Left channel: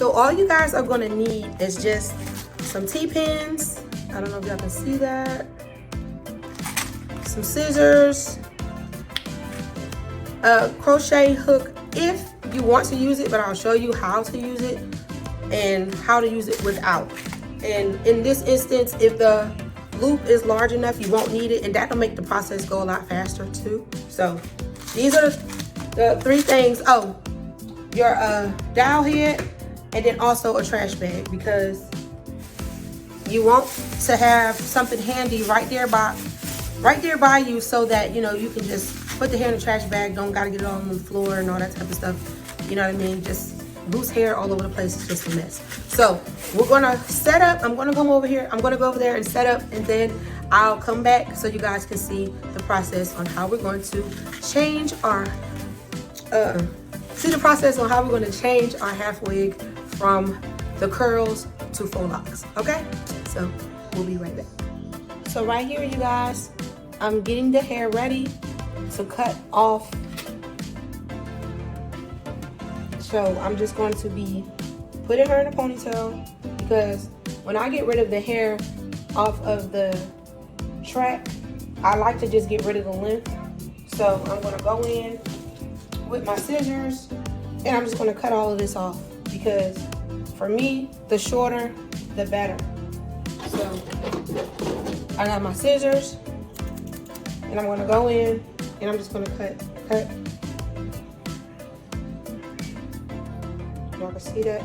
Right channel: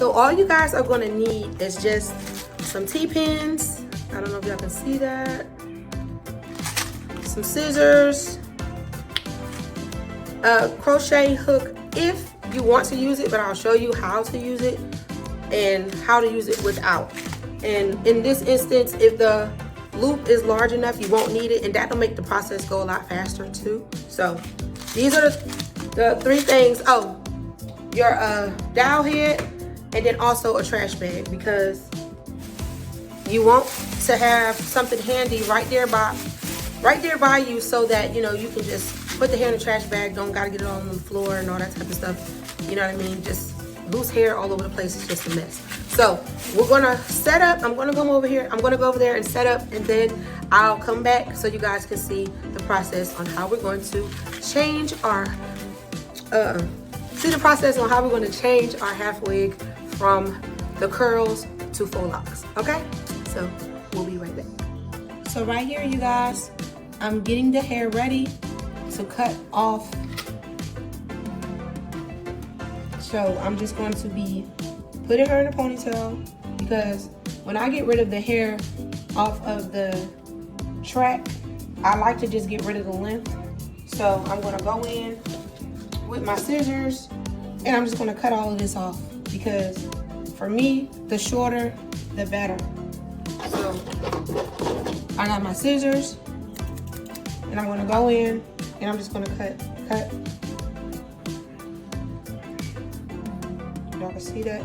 So all you guys are gonna need is just some T-pins. I don't know if y'all can see that. Some scissors, a crochet hook if you want to use it, but I'll show you how to use it and how to use it without. And in this instance, if the loop is large enough, you won't need it, and that'll make the process go a lot faster too. So these are the 3 things. Oh, your dowel head, and then also a trash bag, because you want to have something handy right there by you, so that you know you can just put the hair in the trash bag. Don't gotta get it all on the floor and all that type of stuff. You know what I mean? Just loose hair all over the place is just a mess. So we're gonna set up. I'm gonna come over here. I'm gonna go over there and set up, and then I'll come back so you guys can see the process on how we're going to change our half wig from the curls to faux locks. Okay, so we'll be right back. So right here, you guys, I'm getting the hair ready to cut off. So I'm just going to be putting her in a ponytail, because when I get rid of the hair off of the track, I like to just get rid of the length. So I'm gonna go in with my scissors and I'm just gonna cut all of this off, because for me, the shorter, the better. So I got my scissors and I'm gonna go in and I'm just gonna cut. Y'all can see that?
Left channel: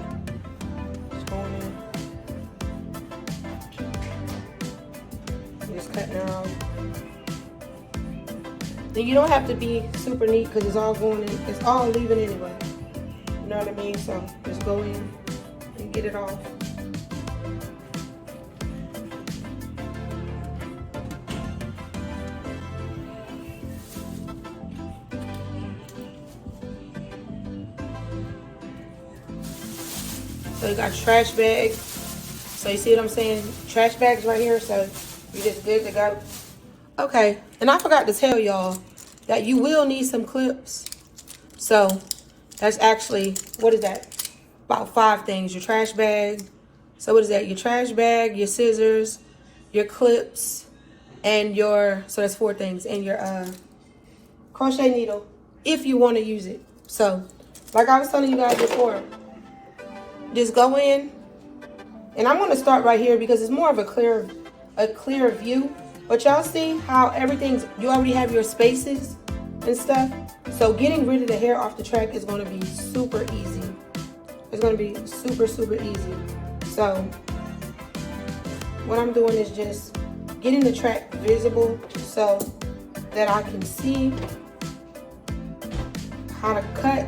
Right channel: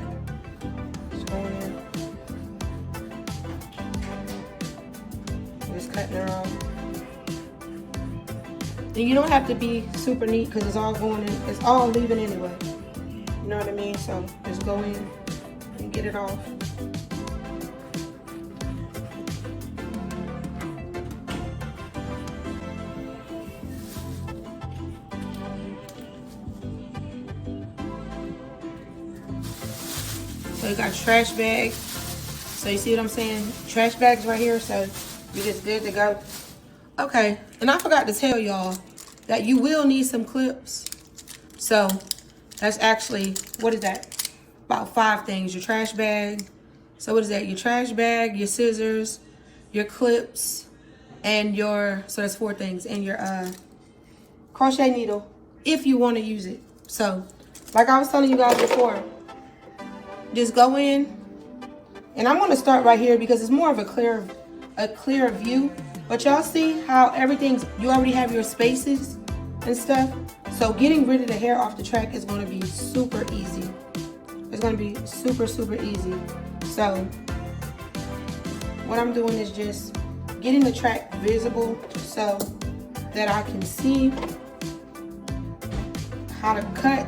Just going in. Just cutting her off. And you don't have to be super neat, because it's all going in, it's all leaving anyway. You know what I mean? So just go in and get it off. So you got trash bags. So you see what I'm saying? Trash bags right here, so you just good to go. Okay, and I forgot to tell y'all that you will need some clips. So that's actually, what is that? About 5 things. Your trash bag. So what is that? Your trash bag, your scissors, your clips, and your, so that's 4 things. And your crochet needle, if you want to use it. So like I was telling you guys before, just go in, and I'm going to start right here because it's more of a clear view. But y'all see how everything's, you already have your spaces and stuff. So getting rid of the hair off the track is going to be super easy. It's going to be super, super easy. So what I'm doing is just getting the track visible so that I can see how to cut,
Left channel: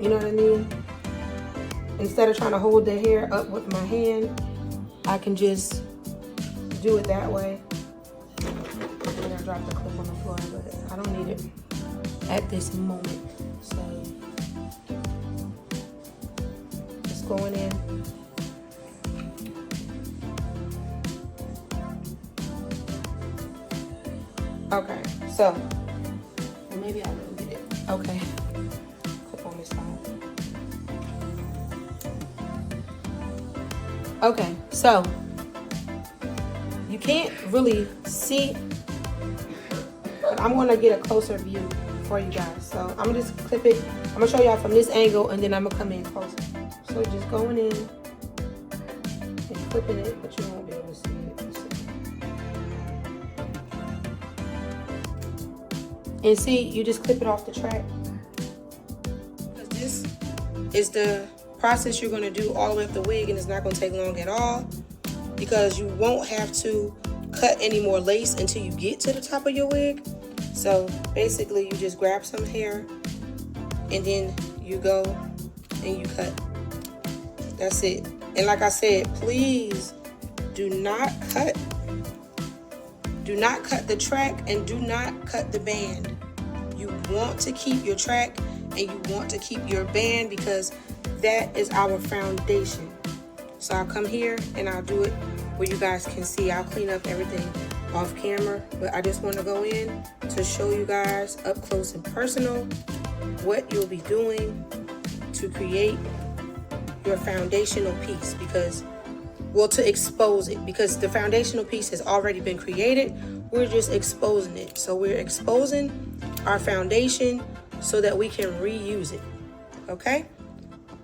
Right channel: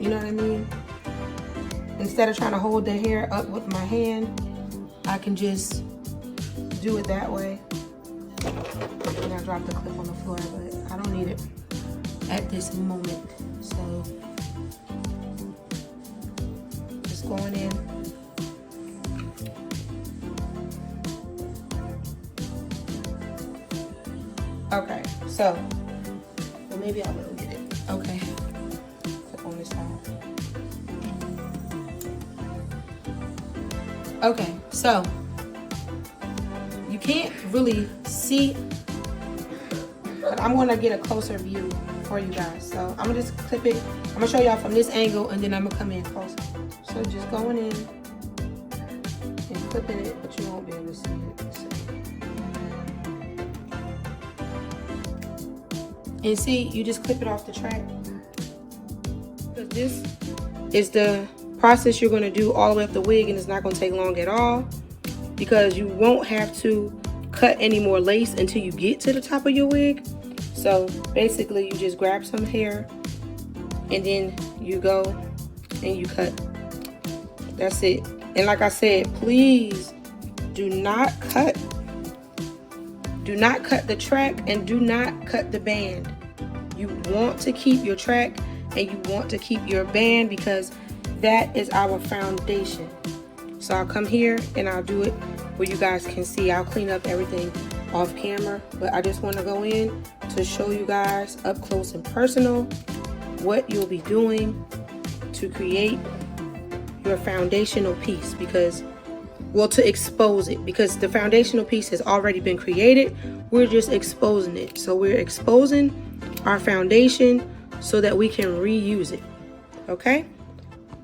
you know what I mean? Instead of trying to hold the hair up with my hand, I can just do it that way. And I dropped the clip on the floor, but I don't need it at this moment. So just going in. Okay, so well, maybe I will get it. Okay, clip on this side. Okay, so you can't really see, but I'm gonna get a closer view for you guys. So I'm gonna just clip it. I'm gonna show y'all from this angle, and then I'm gonna come in closer. So just going in and clipping it, but you won't be able to see it. So. And see, you just clip it off the track. This is the process you're gonna do all the way up the wig, and it's not gonna take long at all, because you won't have to cut any more lace until you get to the top of your wig. So basically you just grab some hair and then you go and you cut. That's it. And like I said, please do not cut the track and do not cut the band. You want to keep your track and you want to keep your band, because that is our foundation. So I'll come here and I'll do it where you guys can see. I'll clean up everything off camera, but I just want to go in to show you guys up close and personal what you'll be doing to create your foundational piece, because, well, to expose it, because the foundational piece has already been created. We're just exposing it. So we're exposing our foundation so that we can reuse it. Okay?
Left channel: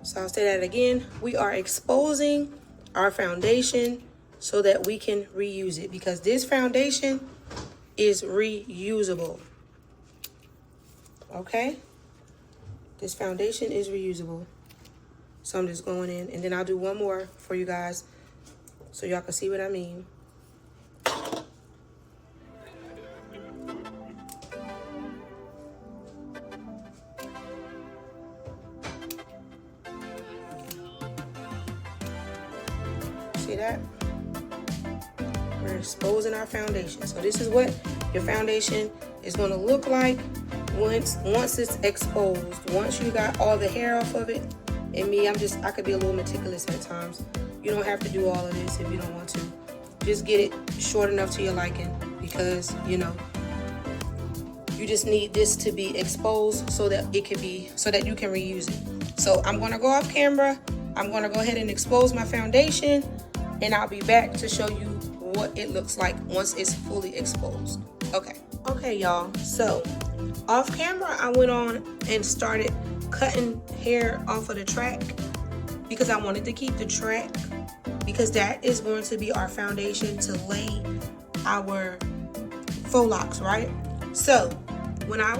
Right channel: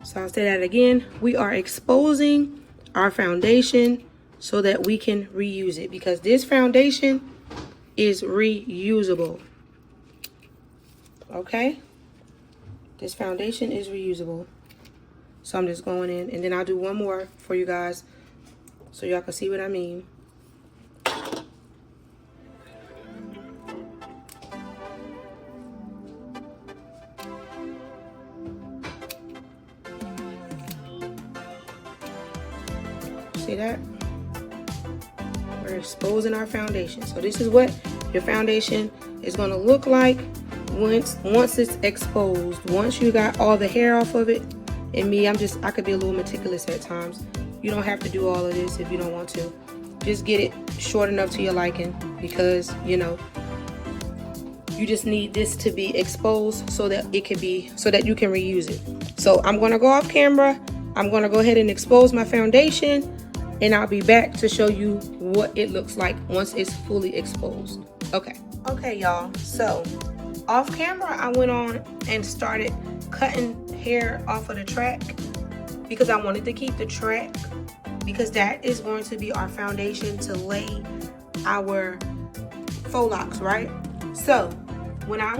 So I'll say that again. We are exposing our foundation so that we can reuse it, because this foundation is reusable. Okay? This foundation is reusable. So I'm just going in, and then I'll do one more for you guys so y'all can see what I mean. See that? We're exposing our foundation. So this is what your foundation is going to look like once it's exposed. Once you got all the hair off of it. And me, I could be a little meticulous at times. You don't have to do all of this if you don't want to. Just get it short enough to your liking, because, you know, you just need this to be exposed so that it can be, so that you can reuse it. So I'm going to go off camera. I'm going to go ahead and expose my foundation, and I'll be back to show you what it looks like once it's fully exposed. Okay, y'all. So off camera, I went on and started cutting hair off of the track, because I wanted to keep the track, because that is going to be our foundation to lay our faux locks, right? So when I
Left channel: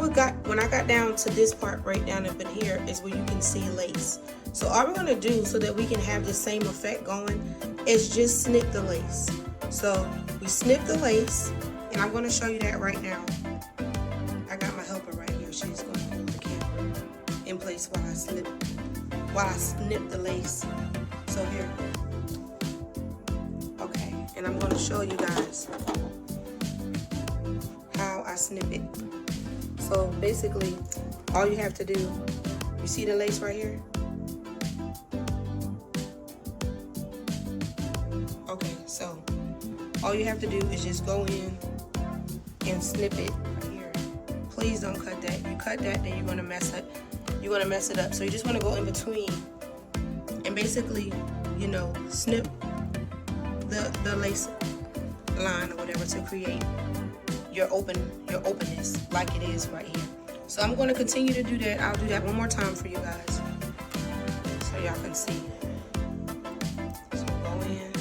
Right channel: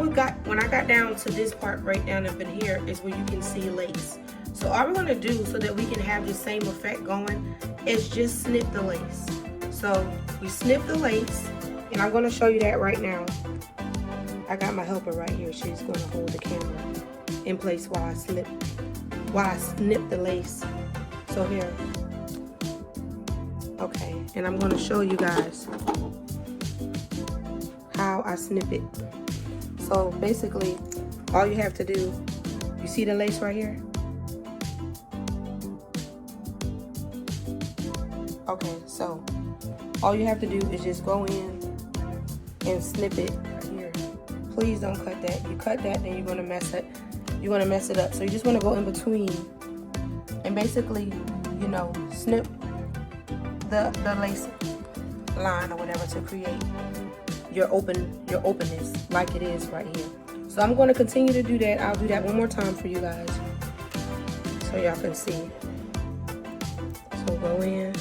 got down to this part right down up in here is where you can see lace. So all we're going to do, so that we can have the same effect going, is just snip the lace. So we snip the lace, and I'm going to show you that right now. I got my helper right here. She's going to hold the camera in place while I snip the lace. So here. Okay, and I'm going to show you guys how I snip it. So basically, all you have to do, you see the lace right here? Okay, so all you have to do is just go in and snip it here. Please don't cut that. You cut that, then you're gonna mess it up. So you just want to go in between and basically, you know, snip the lace line or whatever to create your openness like it is right here. So I'm going to continue to do that. I'll do that one more time for you guys so y'all can see. So go in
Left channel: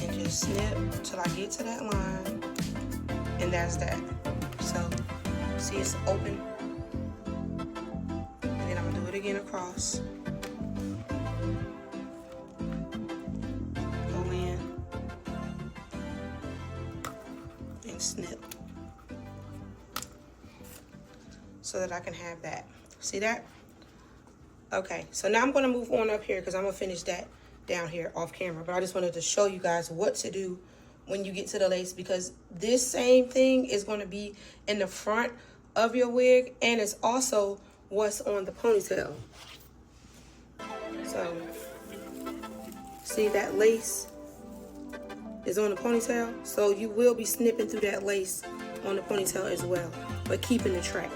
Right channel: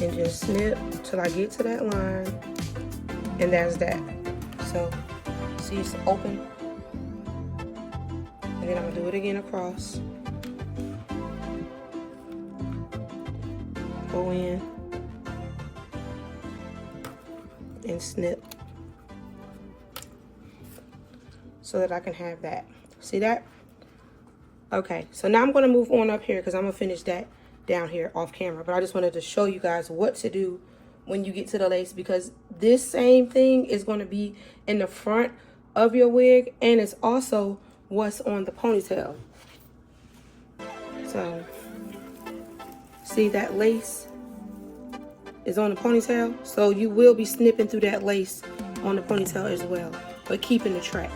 and just snip till I get to that line, and there's that. So see, it's open, and then I'll do it again across. Go in and snip so that I can have that. See that? Okay, so now I'm going to move on up here because I'm going to finish that down here off camera. But I just wanted to show you guys what to do when you get to the lace, because this same thing is going to be in the front of your wig, and it's also what's on the ponytail. So see, that lace is on the ponytail, so you will be snipping through that lace on the ponytail as well, but keeping the track.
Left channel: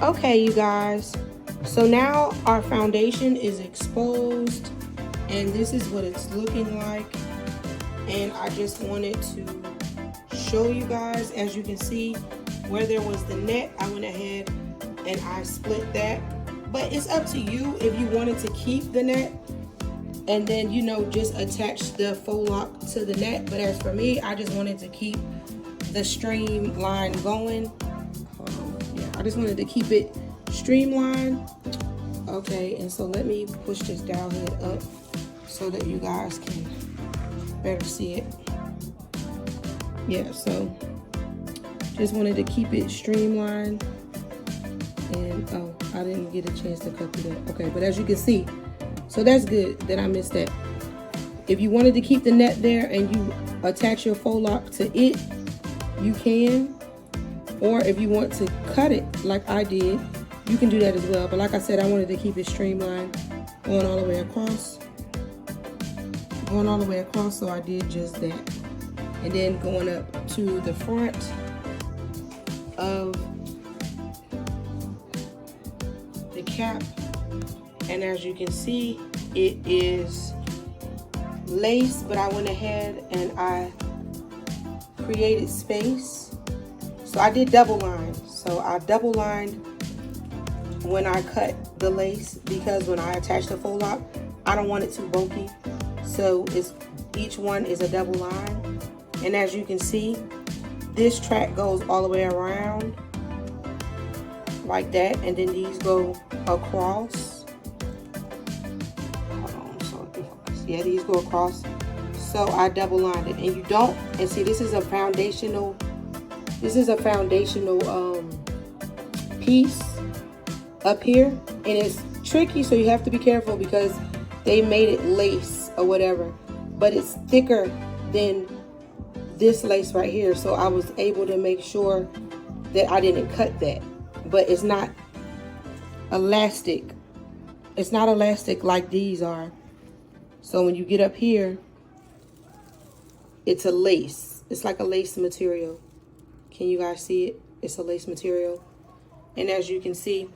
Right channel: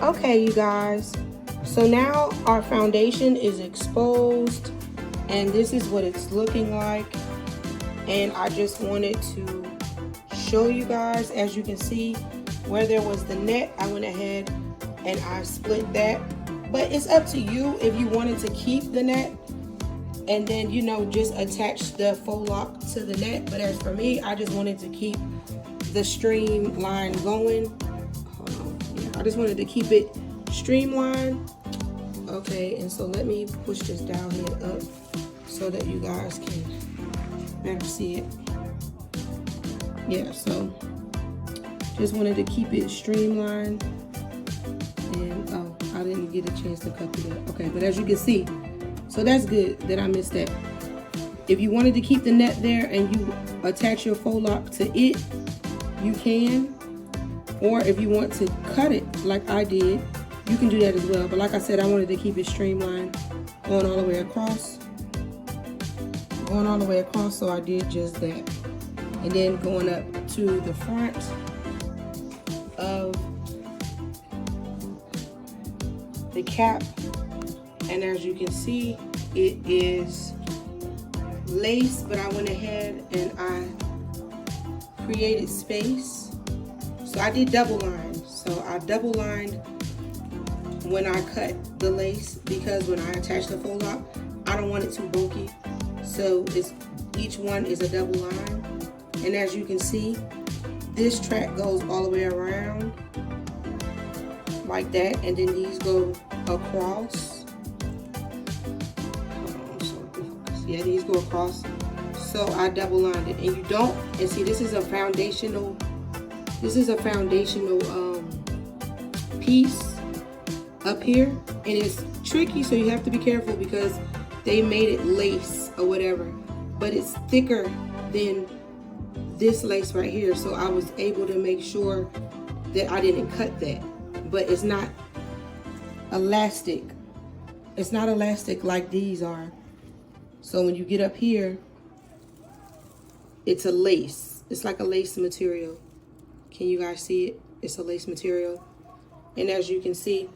Okay, you guys, so now our foundation is exposed, and this is what it's looking like. And I just wanted to show you guys, as you can see, where there was the net, I went ahead and I split that. But it's up to you if you wanted to keep the net and then, you know, just attach the faux lock to the net. But as for me, I just wanted to keep the streamline going. I just wanted to keep it streamlined. Okay, and so let me push this down here up so that you guys can better see it. Yeah, so just wanted to keep it streamlined. And oh, I didn't get a chance to cut through that. Okay, but as you can see, so that's good that I missed that. If you wanted to keep the net there and you attach your faux lock to it, you can. Or if you want to cut it like I did, you can do that as well. But like I said, I wanted to keep it streamlined, going all the way across. Going all the way across, so I did just that. And then going up to the front of the cap And as you can see, it is lace, but I went ahead and I created space. So I did double line. So I double lined when I cut the lace, because when I attach the faux lock, I don't want it too bulky. So each one is a double line. And as you can see, this track goes all the way around like that, and then these go across. Hold on, so yeah, these go across. So I double lined it, and you don't, and see, this is a foundational piece up here, and it's tricky, so you have to be careful because they made it lace or whatever, but it's thicker than this lace right here. So I was able to make sure that I didn't cut that, but it's not elastic. It's not elastic like these are. So when you get up here, it's a lace. It's like a lace material. Can you guys see it? It's a lace material. And as you can see,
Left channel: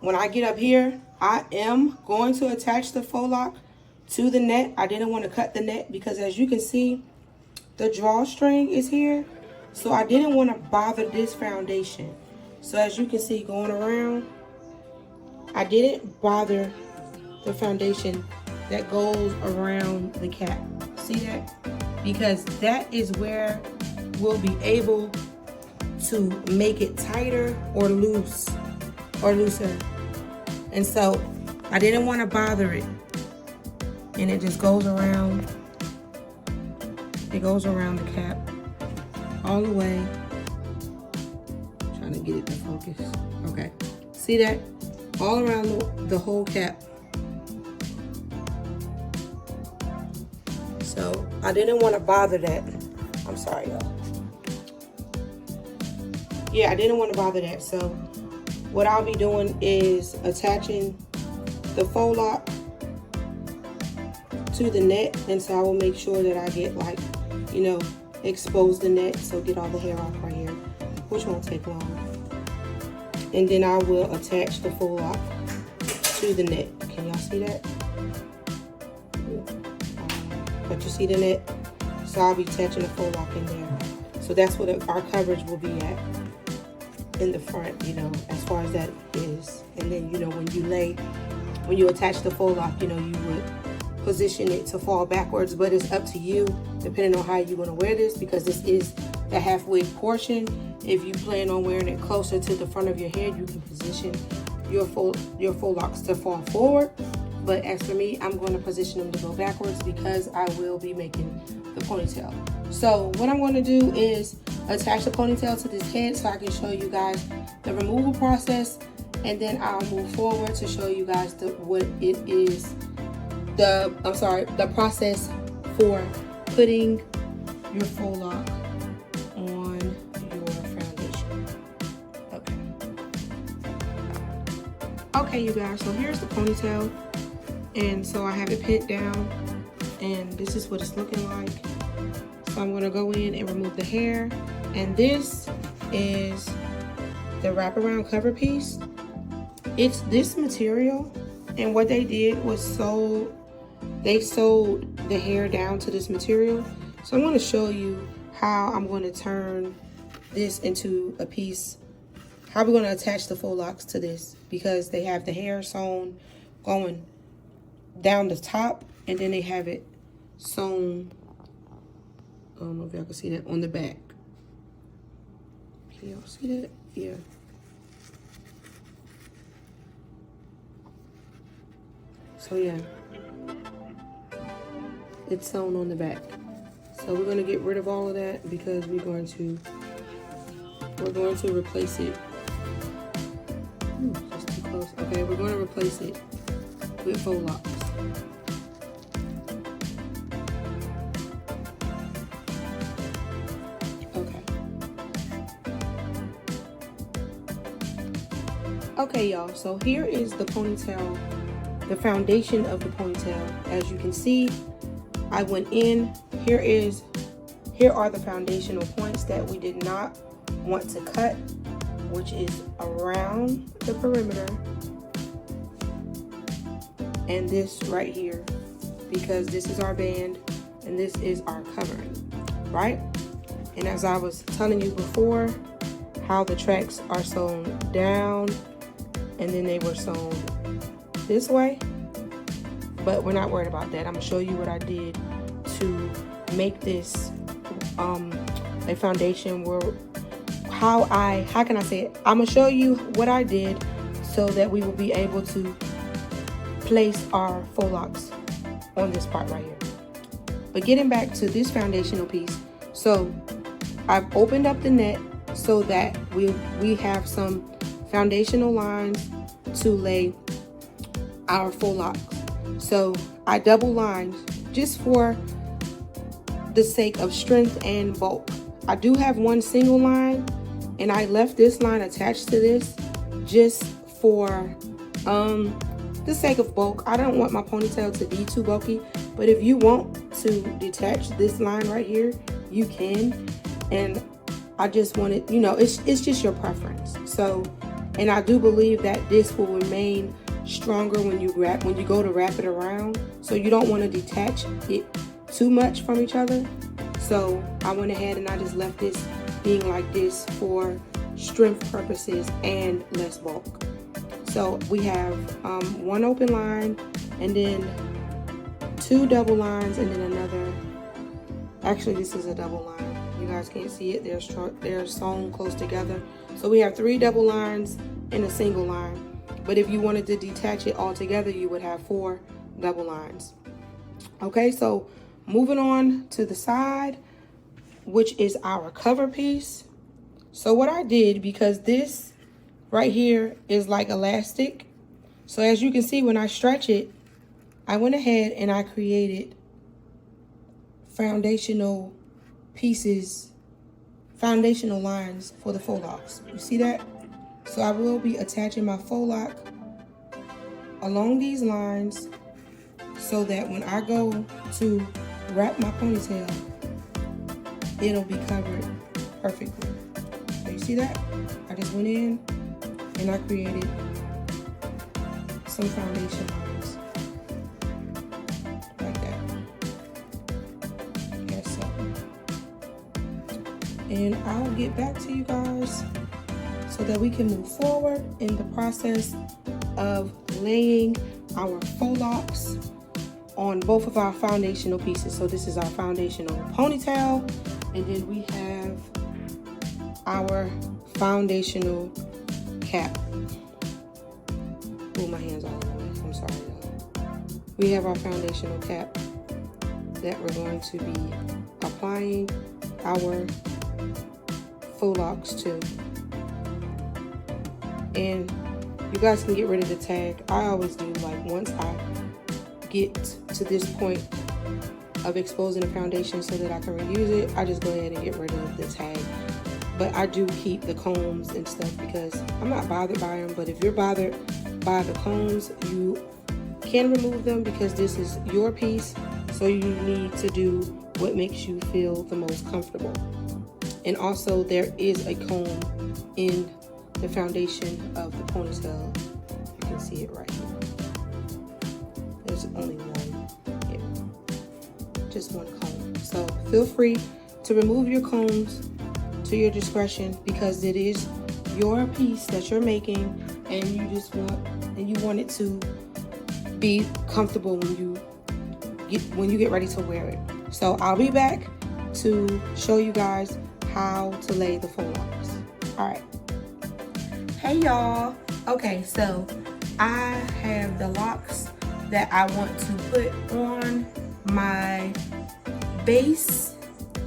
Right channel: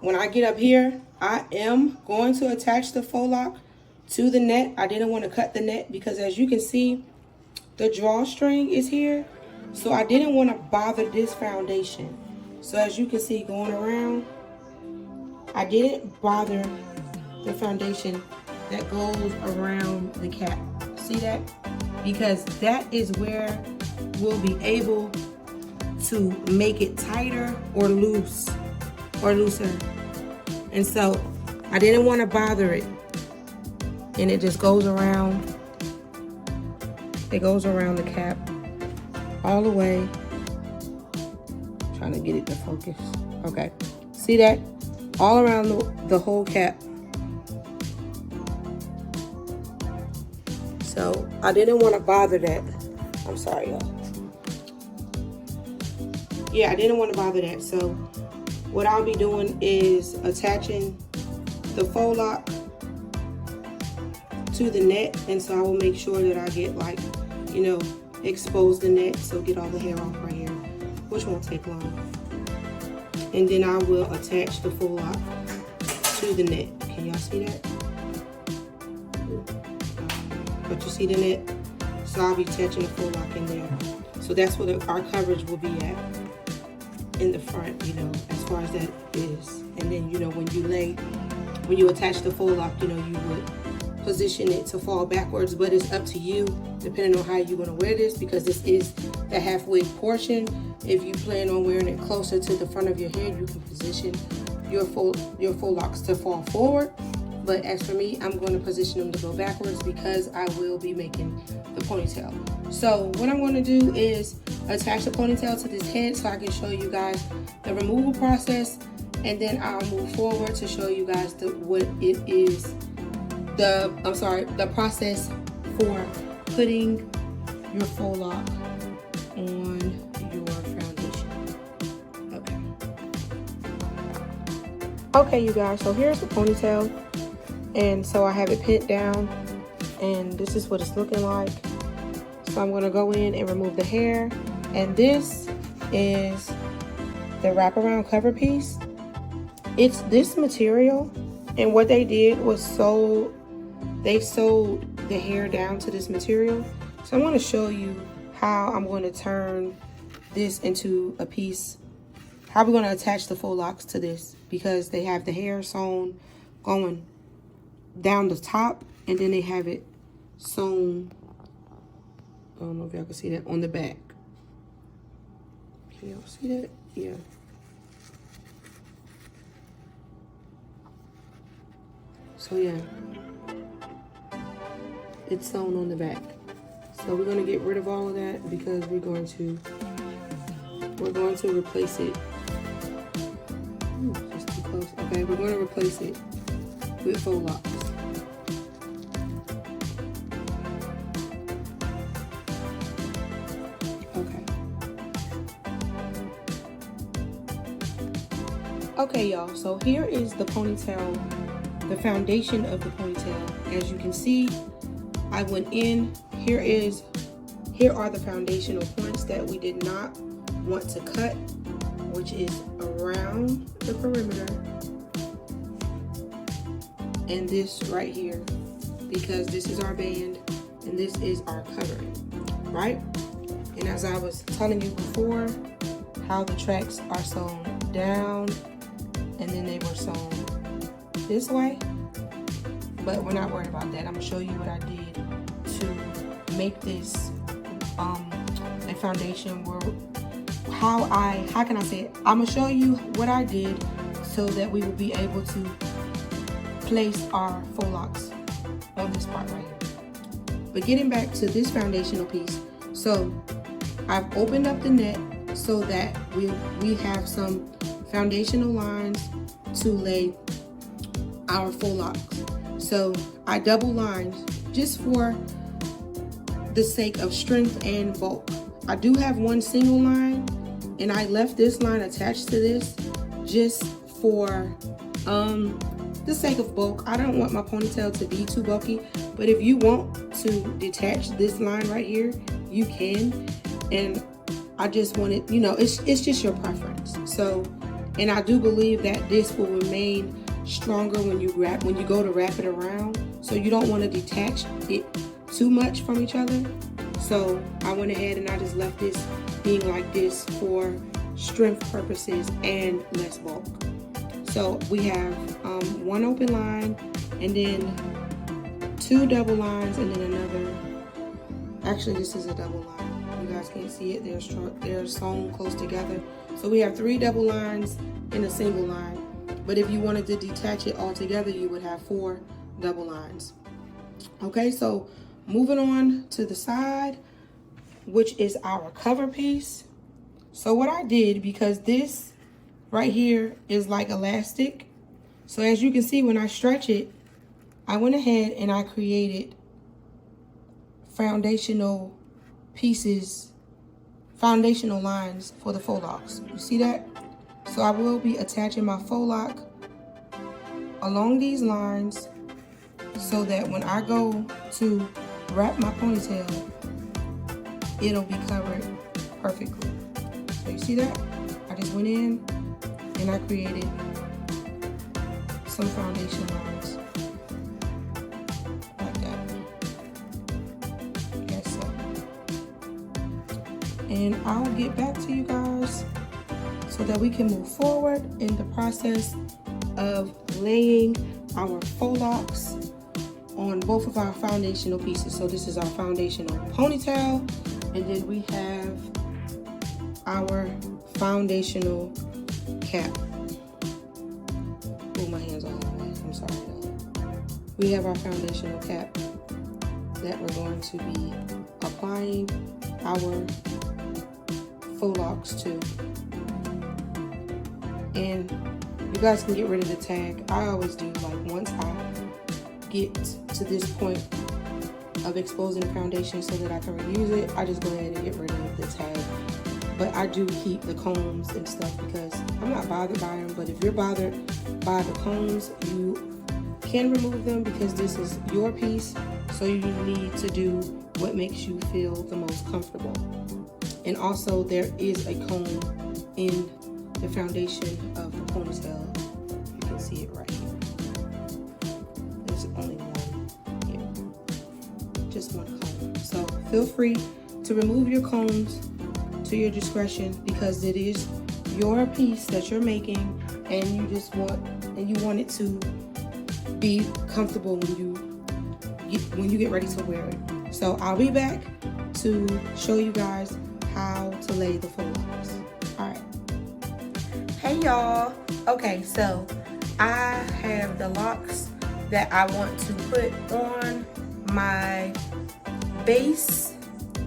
when I get up here, I am going to attach the faux lock to the net. I didn't want to cut the net because, as you can see, the drawstring is here. So I didn't want to bother this foundation. So as you can see, going around, I didn't bother the foundation that goes around the cap. See that? Because that is where we'll be able to make it tighter or loose or looser. And so I didn't want to bother it. And it just goes around. It goes around the cap all the way. Trying to get it to focus. Okay. See that? All around the whole cap. So I didn't want to bother that. I'm sorry, y'all. Yeah, I didn't want to bother that. So what I'll be doing is attaching the faux lock to the net. And so I will make sure that I get, like, you know, expose the net. So get all the hair off right here, which won't take long. And then I will attach the faux lock to the net. Can y'all see that? But you see the net? So I'll be attaching the faux lock in there. So that's what our coverage will be at in the front, you know, as far as that is. And then, you know, when you attach the faux lock, you know, you would position it to fall backwards, but it's up to you depending on how you want to wear this, because this is the halfway portion. If you plan on wearing it closer to the front of your head, you can position your faux locks to fall forward. But as for me, I'm going to position them to go backwards because I will be making the ponytail. So what I'm going to do is attach the ponytail to this head so I can show you guys the removal process, and then I'll move forward to show you guys the process for putting your faux lock on your foundation. Okay, you guys, so here's the ponytail. And so I have it pinned down, and this is what it's looking like. So I'm going to go in and remove the hair. And this is the wraparound cover piece. It's this material, and what they did was they sewed the hair down to this material. So I'm going to show you how I'm going to turn this into a piece, how we're going to attach the faux locks to this, because they have the hair sewn going down the top, and then they have it sewn, I don't know if y'all can see that, on the back. Can y'all see that? Yeah. So yeah, it's sewn on the back. So we're going to get rid of all of that because we're going to replace it. Just too close. Okay, we're going to replace it with faux locks. Okay, y'all, so here is the ponytail, the foundation of the ponytail. As you can see, I went in. Here are the foundational points that we did not want to cut, which is around the perimeter. and this right here, because this is our band and this is our covering, right? And as I was telling you before, how the tracks are sewn down and then they were sewn this way, but we're not worried about that. I'm gonna show you what I did to make this a foundation where how can I say it? I'm gonna show you what I did so that we will be able to place our faux locks on this part right here. But getting back to this foundational piece, so I've opened up the net so that we have some foundational lines to lay our faux locks. So I double lined just for the sake of strength and bulk. I do have one single line, and I left this line attached to this just for the sake of bulk. I don't want my ponytail to be too bulky, but if you want to detach this line right here, you can. And I just wanted, you know, it's just your preference. So, and I do believe that this will remain stronger when you go to wrap it around. So you don't want to detach it too much from each other. So I went ahead and I just left this being like this for strength purposes and less bulk. So we have one open line and then two double lines and then another. Actually, this is a double line. You guys can't see it. They're sewn close together. So we have 3 double lines and a single line. But if you wanted to detach it all together, you would have 4 double lines. Okay, so moving on to the side, which is our cover piece. So what I did, because this right here is like elastic, so as you can see when I stretch it, I went ahead and I created foundational pieces, foundational lines for the faux locks. You see that? So I will be attaching my faux lock along these lines so that when I go to wrap my ponytail, it'll be covered perfectly. So you see that? I just went in and I created some foundation lines like that. Yes, so. And I'll get back to you guys so that we can move forward in the process of laying our faux locks on both of our foundational pieces. So this is our foundational ponytail, and then we have our foundational cap. Oh, my hands all over. I'm sorry, y'all. We have our foundational cap that we're going to be applying our faux locks to. And you guys can get rid of the tag. I always do, like, once I get to this point of exposing the foundation so that I can reuse it, I just go ahead and get rid of the tag. But I do keep the combs and stuff because I'm not bothered by them. But if you're bothered by the combs, you can remove them because this is your piece. So you need to do what makes you feel the most comfortable. And also there is a comb in the foundation of the ponytail. You can see it right here. There's only one here, just one comb. So feel free to remove your combs to your discretion because it is your piece that you're making, and you want it to be comfortable when you get ready to wear it. So I'll be back to show you guys how to lay the faux locks. All right. Hey y'all. Okay, so I have the locks that I want to put on my base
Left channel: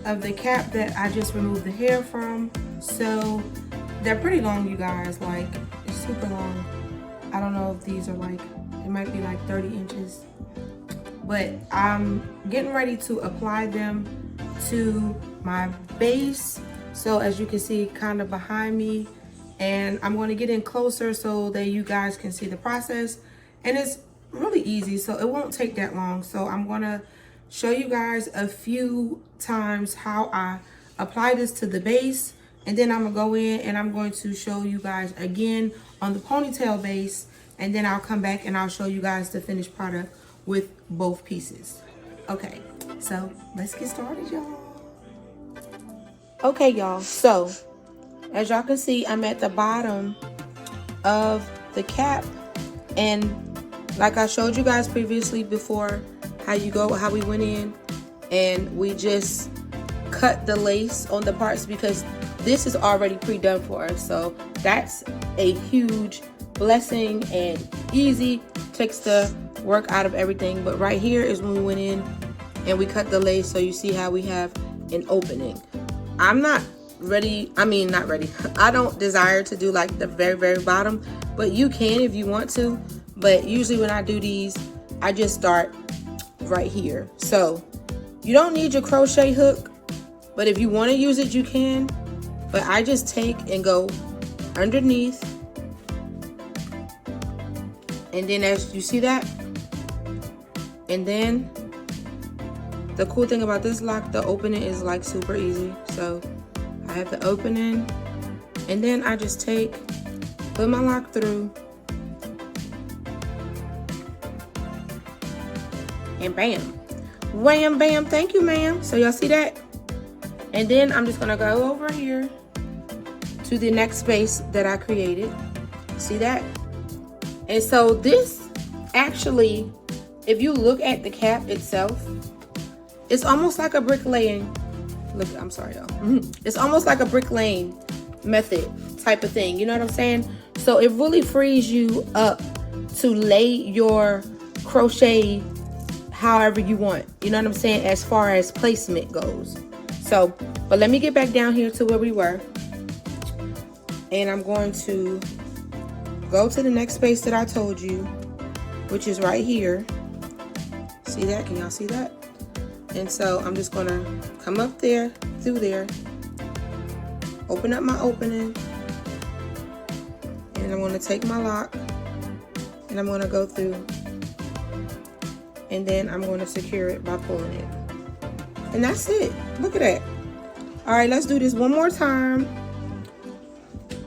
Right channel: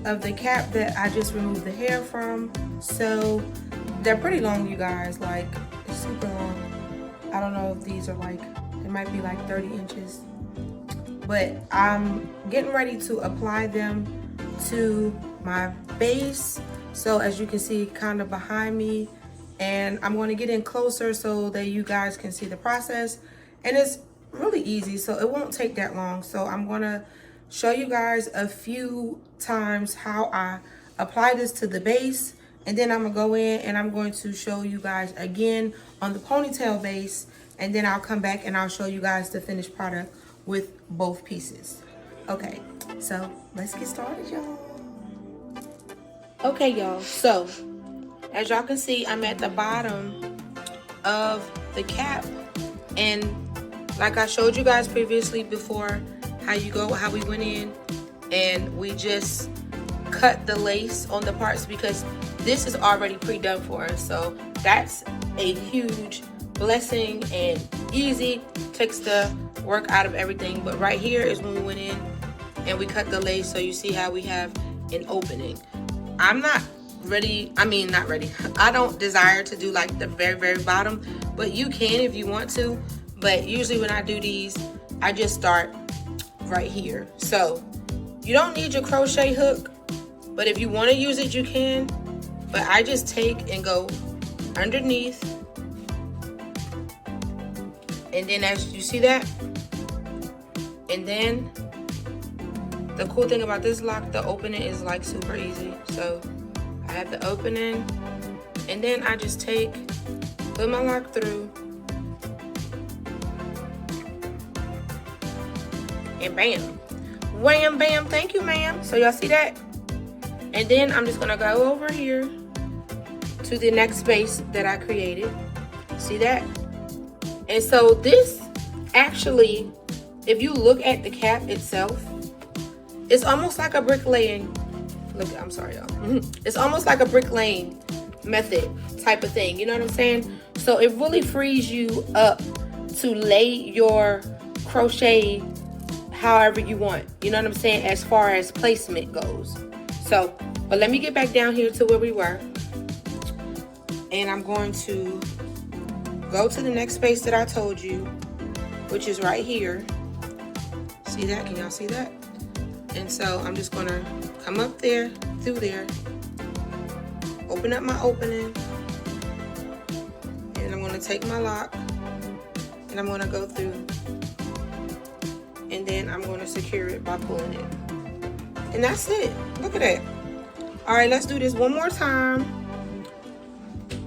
of the cap that I just removed the hair from. So they're pretty long, you guys, like it's super long. I don't know if these are like, it might be like 30 inches, but I'm getting ready to apply them to my base. So as you can see kind of behind me, and I'm going to get in closer so that you guys can see the process. And it's really easy, so it won't take that long. So I'm going to show you guys a few times how I apply this to the base, and then I'm going to go in and I'm going to show you guys again on the ponytail base and then I'll come back and I'll show you guys the finished product with both pieces. Okay, so let's get started, y'all. Okay, y'all, so as y'all can see, I'm at the bottom of the cap, and like I showed you guys previously before, how we went in and we just cut the lace on the parts because this is already pre-done for us. So that's a huge blessing and easy, takes the work out of everything. But right here is when we went in and we cut the lace, so you see how we have an opening. I'm not ready, not ready. I don't desire to do like the very, very bottom, but you can if you want to. But usually when I do these, I just start right here. So you don't need your crochet hook, but if you want to use it, you can. But I just take and go underneath, and then as you see that, and then the cool thing about this lock, the opening is like super easy. So I have the opening, and then I just put my lock through, and bam, wham, bam, thank you, ma'am. So y'all see that? And then I'm just gonna go over here to the next space that I created. See that? And so this actually, if you look at the cap itself, it's almost like a bricklaying. I'm sorry, y'all. It's almost like a bricklaying method type of thing. You know what I'm saying? So it really frees you up to lay your crochet however you want. You know what I'm saying? As far as placement goes. So, but let me get back down here to where we were. And I'm going to go to the next space that I told you, which is right here. See that? Can y'all see that? And so I'm just going to come up there, through there, open up my opening, and I'm going to take my lock, and I'm going to go through, and then I'm going to secure it by pulling it. And that's it. Look at that. All right, let's do this one more time.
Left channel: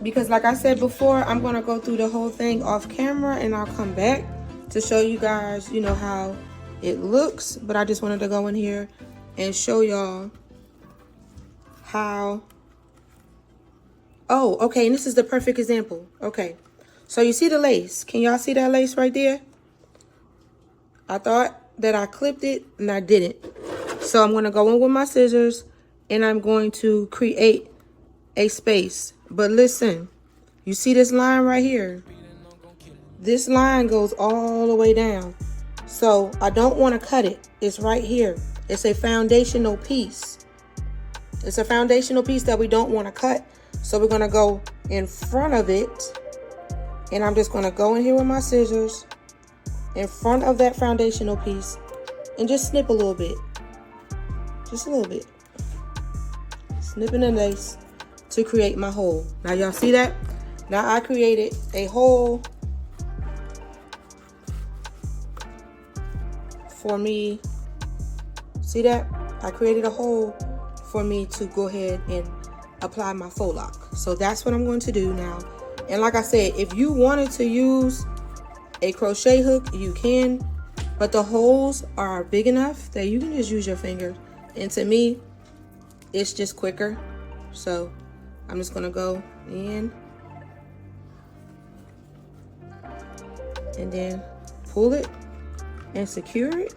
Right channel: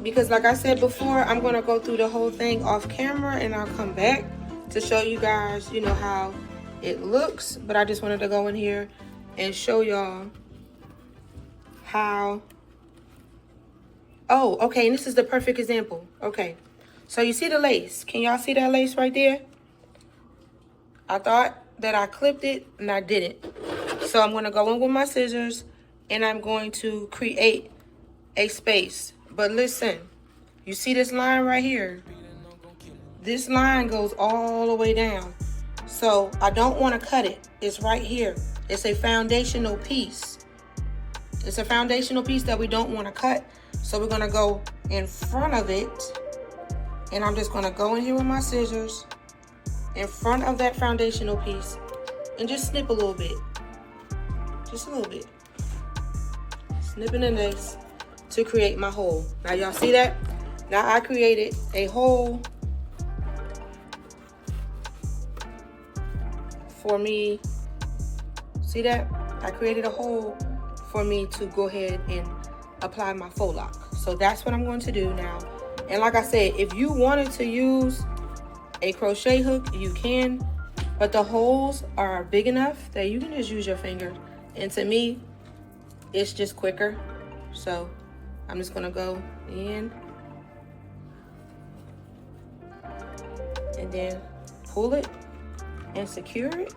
Because like I said before, I'm going to go through the whole thing off camera, and I'll come back to show you guys, you know, how it looks. But I just wanted to go in here and show y'all how. Oh, okay, and this is the perfect example. Okay, so you see the lace. Can y'all see that lace right there? I thought that I clipped it, and I didn't. So I'm going to go in with my scissors, and I'm going to create a space. But listen, you see this line right here? This line goes all the way down. So I don't want to cut it. It's right here. It's a foundational piece. It's a foundational piece that we don't want to cut. So we're going to go in front of it. And I'm just going to go in here with my scissors in front of that foundational piece and just snip a little bit. Just a little bit. Snipping the lace to create my hole. Now y'all see that? Now I created a hole for me. See that? I created a hole for me to go ahead and apply my faux lock. So that's what I'm going to do now. And like I said, if you wanted to use a crochet hook, you can, but the holes are big enough that you can just use your finger. And to me, it's just quicker. So I'm just gonna go in and then pull it and secure it.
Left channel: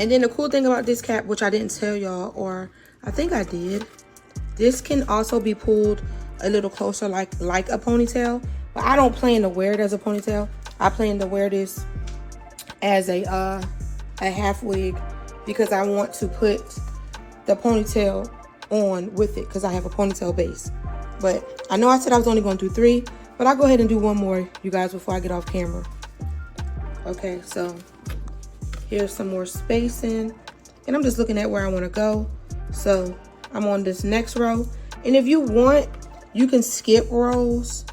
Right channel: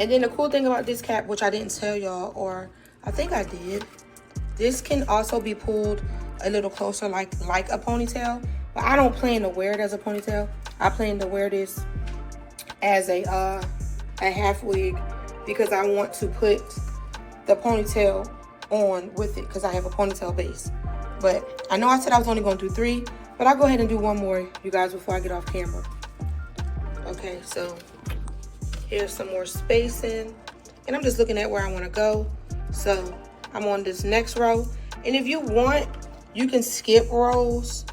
And then the cool thing about this cap, which I didn't tell y'all, or I think I did, this can also be pulled a little closer like a ponytail. But I don't plan to wear it as a ponytail. I plan to wear this as a half wig, because I want to put the ponytail on with it, because I have a ponytail base. But I know I said I was only going to do 3, but I'll go ahead and do one more, you guys, before I get off camera. Okay, so here's some more spacing, and I'm just looking at where I want to go. So I'm on this next row, and if you want, you can skip rows.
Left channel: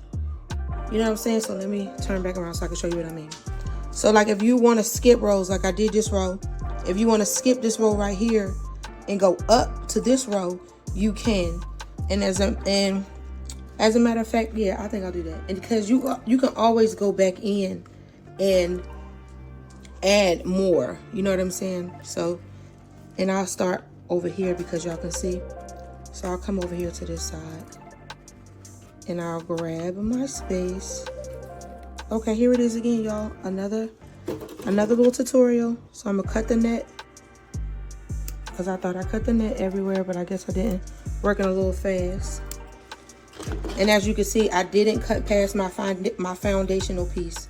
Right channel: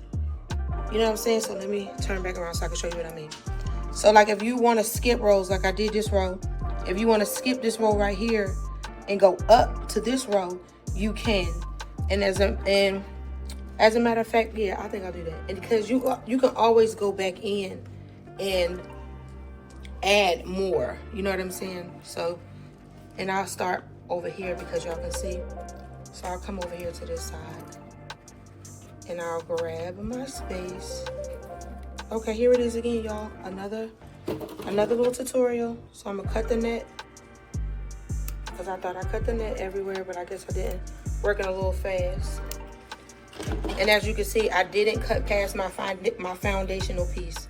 You know what I'm saying? So let me turn back around so I can show you what I mean. So like if you want to skip rows, like I did this row, if you want to skip this row right here and go up to this row, you can. And As a matter of fact, yeah, I think I'll do that. And because you can always go back in and add more. You know what I'm saying? So, and I'll start over here because y'all can see. So I'll come over here to this side. And I'll grab my space. Okay, here it is again, y'all. Another little tutorial. So I'm gonna cut the net. Because I thought I cut the net everywhere, but I guess I didn't. Working a little fast. And as you can see, I didn't cut past my foundational piece.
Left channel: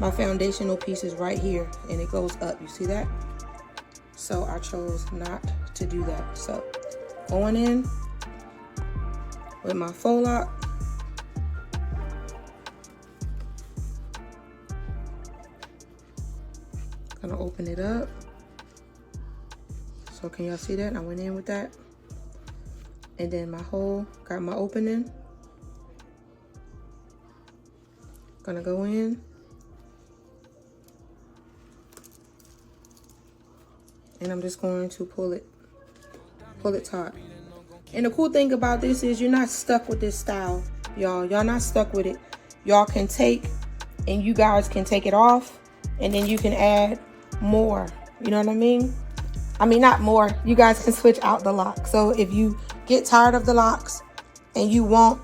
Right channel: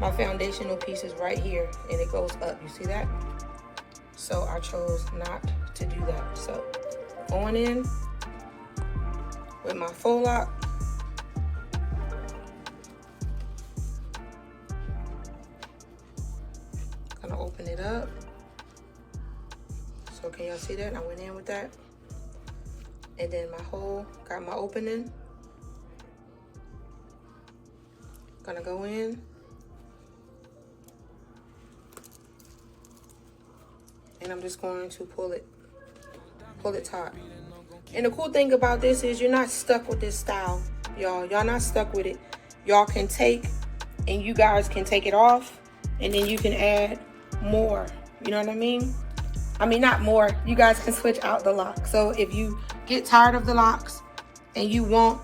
My foundational piece is right here, and it goes up. You see that? So I chose not to do that. So going in with my faux lock. Gonna open it up. So can y'all see that? I went in with that. And then my hole, got my opening. Gonna go in. And I'm just going to pull it taut. And the cool thing about this is you're not stuck with this style, y'all. Y'all not stuck with it. Y'all can take, and you guys can take it off, and then you can add more. You know what I mean? I mean, not more. You guys can switch out the lock. So if you get tired of the locks and you want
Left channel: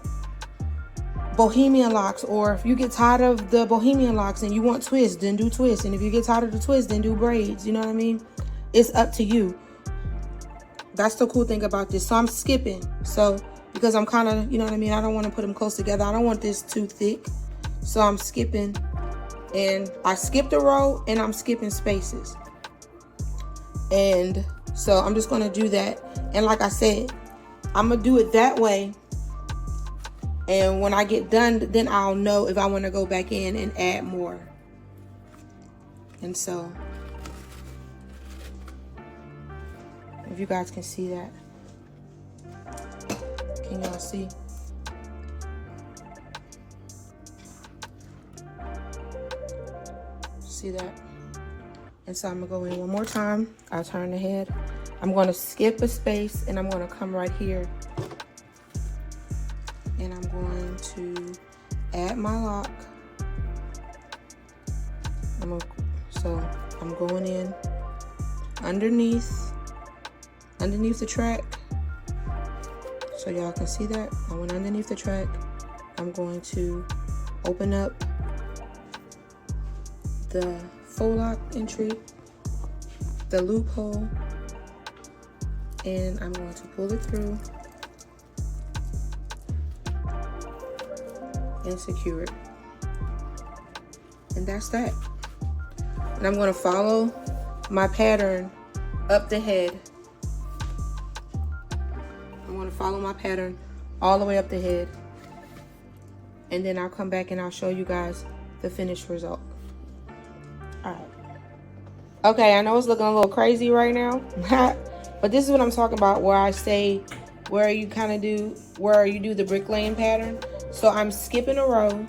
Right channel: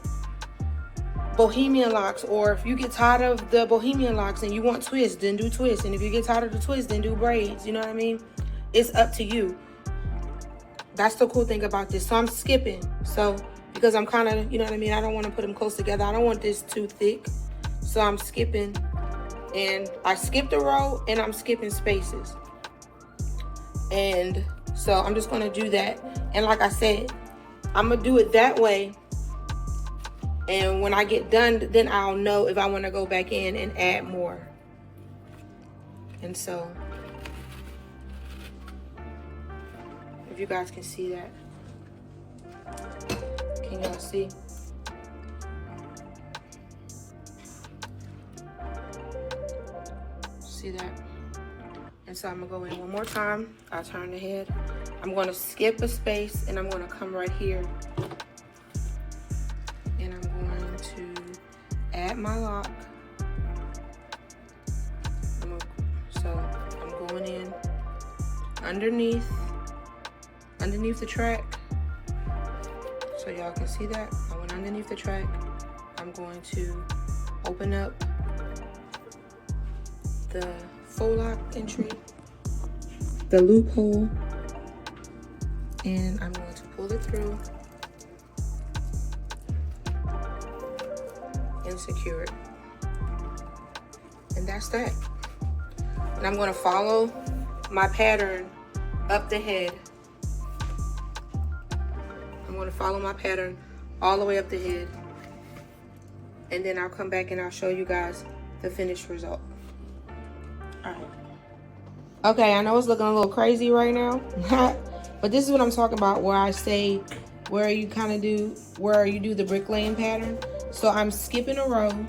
bohemian locks, or if you get tired of the bohemian locks and you want twists, then do twists. And if you get tired of the twists, then do braids. You know what I mean? It's up to you. That's the cool thing about this. So I'm skipping. So because I'm kind of, you know what I mean? I don't want to put them close together. I don't want this too thick. So I'm skipping. And I skipped a row and I'm skipping spaces. And so I'm just going to do that. And like I said, I'm going to do it that way. And when I get done, then I'll know if I want to go back in and add more. And so, if you guys can see that. Can y'all see? See that? And so I'm gonna go in one more time. I'll turn the head. I'm gonna skip a space and I'm gonna come right here. And I'm going to add my lock. So I'm going in underneath the track. So y'all can see that. I went underneath the track. I'm going to open up the faux lock entry, the loophole, and I'm going to pull it through and secure it. And that's that. And I'm going to follow my pattern up the head. I'm going to follow my pattern all the way up the head. And then I'll come back and I'll show you guys the finished result. Okay, I know it's looking a little crazy right now, but this is what I'm talking about, where I say, where you do the bricklaying pattern. So I'm skipping a row.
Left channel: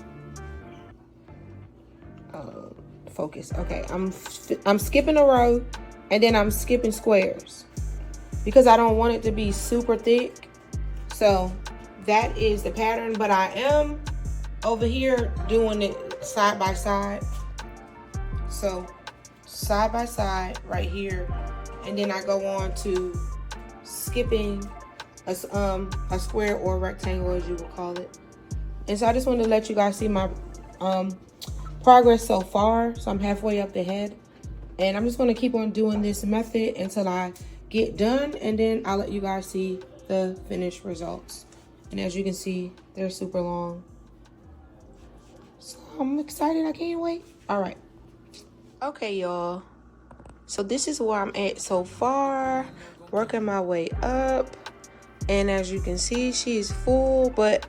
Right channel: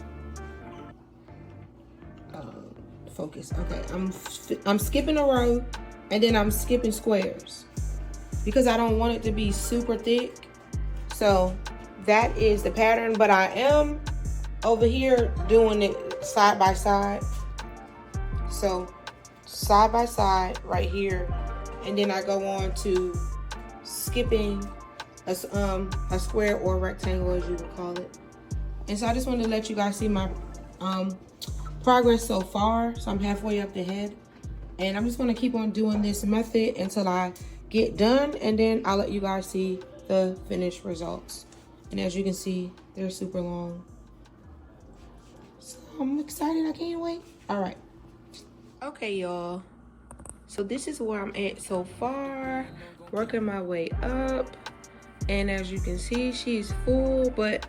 Focus. Okay, I'm skipping a row, and then I'm skipping squares because I don't want it to be super thick. So that is the pattern, but I am over here doing it side by side. So side by side right here, and then I go on to skipping a square or rectangle, as you would call it. And so I just wanted to let you guys see my progress so far. So I'm halfway up the head, and I'm just going to keep on doing this method until I get done, and then I'll let you guys see the finished results. And as you can see, they're super long, so I'm excited. I can't wait. All right. Okay, y'all, so this is where I'm at so far, working my way up. And as you can see, she's full, but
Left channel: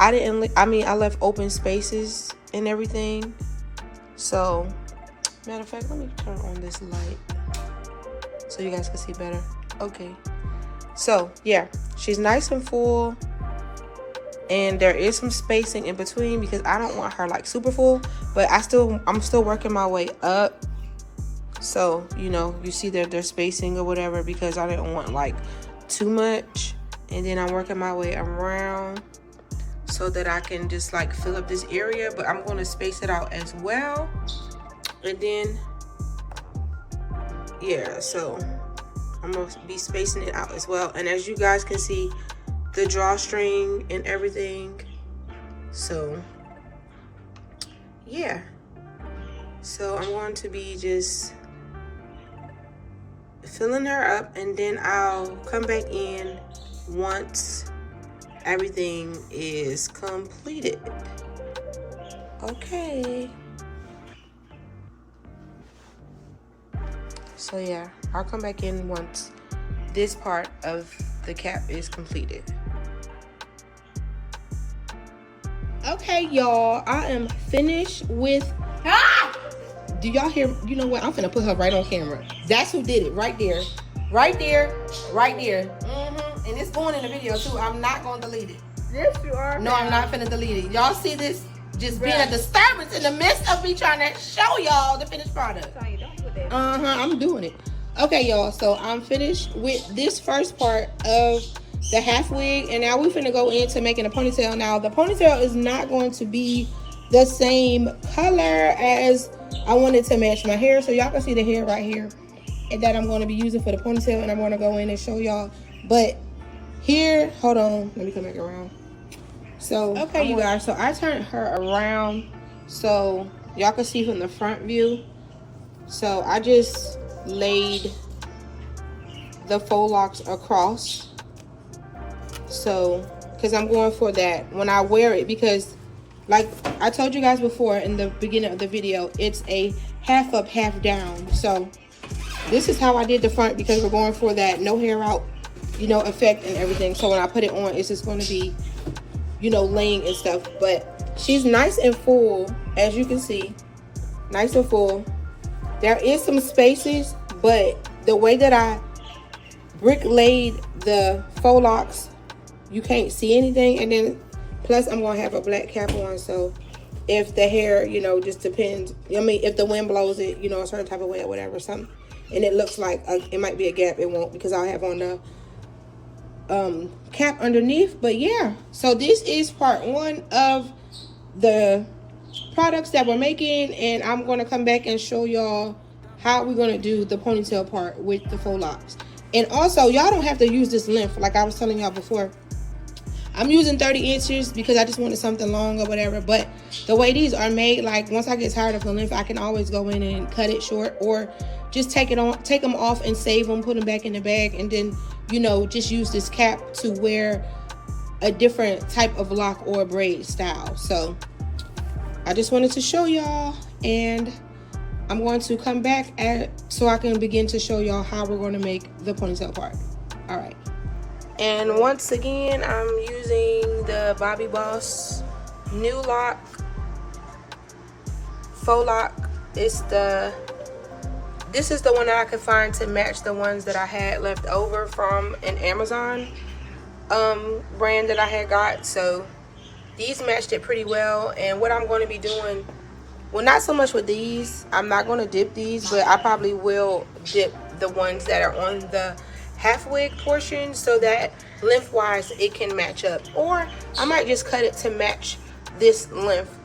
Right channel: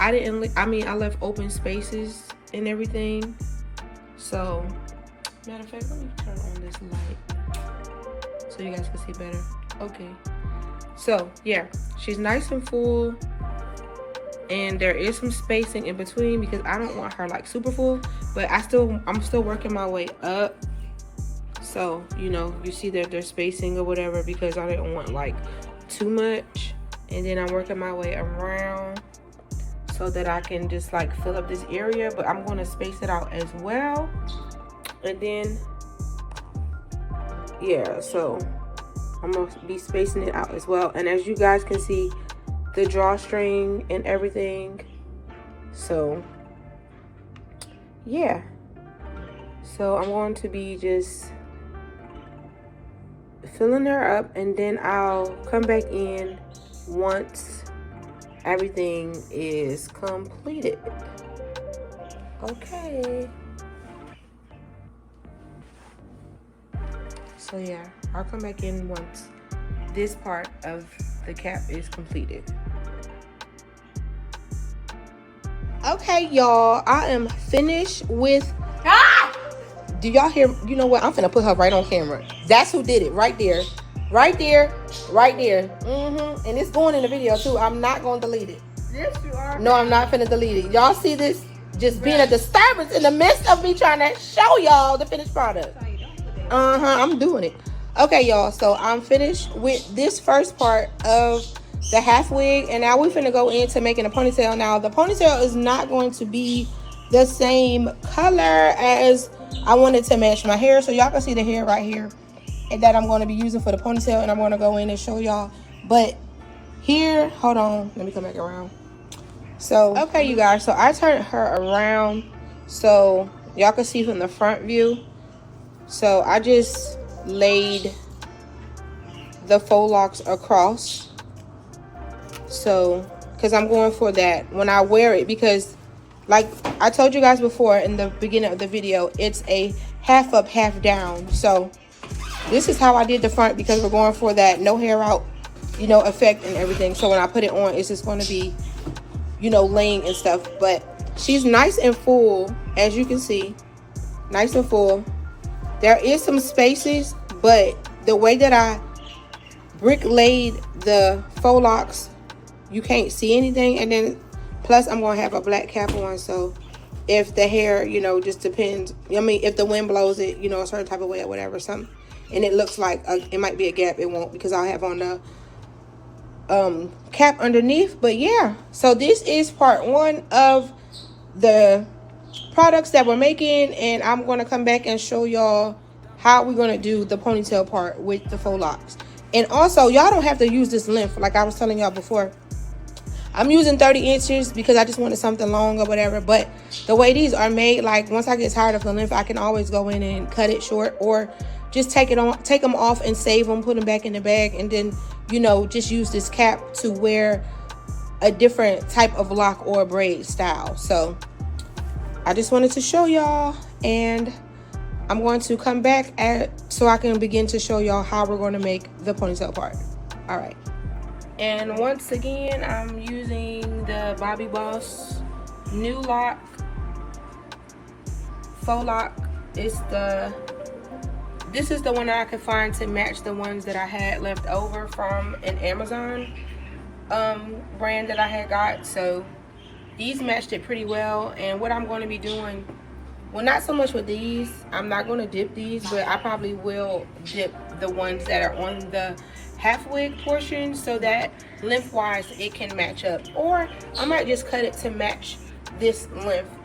I left open spaces and everything. So matter of fact, let me turn on this light so you guys can see better. Okay, so yeah, she's nice and full, and there is some spacing in between because I don't want her like super full, but I'm still working my way up. So, you know, you see that there's spacing or whatever because I didn't want like too much. And then I'm working my way around. So so that I can just like fill up this area, but I'm going to space it out as well. And then, yeah, so I'm going to be spacing it out as well. And as you guys can see, the drawstring and everything. So, yeah. So I'm going to be just filling her up, and then I'll come back in once everything is completed. Okay. So yeah, I'll come back in once this part of the cap is completed. Okay, y'all, I am finished with... Do y'all hear? You know what? I'm finna put her right on camera. That's who did it, right there. Right there, right there. And it's going in the video too. I'm not gonna delete it. Yes, you are. No, I'm not finna delete it. Y'all see this just being a disturbance in the midst of me trying to show y'all the finished product. I'm doing it. Okay, y'all, so I'm finished with this first part of the half wig, and now we're finna go into making a ponytail. Now the ponytail is not going to be the same color as I wanted to match my hair, so y'all can see the hair right here and that I'm going to be using for the ponytail, and I'm going to go in and show y'all. But here, hold on, let me come back around. So okay, you guys, so I turned her around so y'all can see from the front view. So I just laid the faux locks across, so because I'm going for that when I wear it, because like I told you guys before in the beginning of the video, it's a half up, half down. So this is how I did the front, because we're going for that no hair out, you know, effect and everything. So when I put it on, it's just going to be, you know, laying and stuff. But she's nice and full, as you can see, nice and full. There is some spaces, but the way that I brick laid the faux locks, you can't see anything. And then plus I'm going to have a black cap on, so if the hair, you know, just depends. I mean, if the wind blows it, you know, a certain type of way or whatever, something, and it looks like it might be a gap, it won't, because I'll have on the cap underneath. But yeah, so this is part one of the products that we're making, and I'm going to come back and show y'all how we're going to do the ponytail part with the faux locks. And also, y'all don't have to use this length like I was telling y'all before. I'm using 30 inches because I just wanted something long or whatever. But the way these are made, like once I get tired of the length, I can always go in and cut it short, or just take them off and save them, put them back in the bag, and then, you know, just use this cap to wear a different type of lock or braid style. So I just wanted to show y'all, and I'm going to come back so I can begin to show y'all how we're going to make the ponytail part. All right. And once again, I'm using the Bobbi Boss new lock, faux lock. This is the one that I could find to match the ones that I had left over from an Amazon brand that I had got. So these matched it pretty well. And what I'm going to be doing, well, not so much with these, I'm not going to dip these, but I probably will dip the ones that are on the half wig portion so that lengthwise it can match up, or I might just cut it to match this length.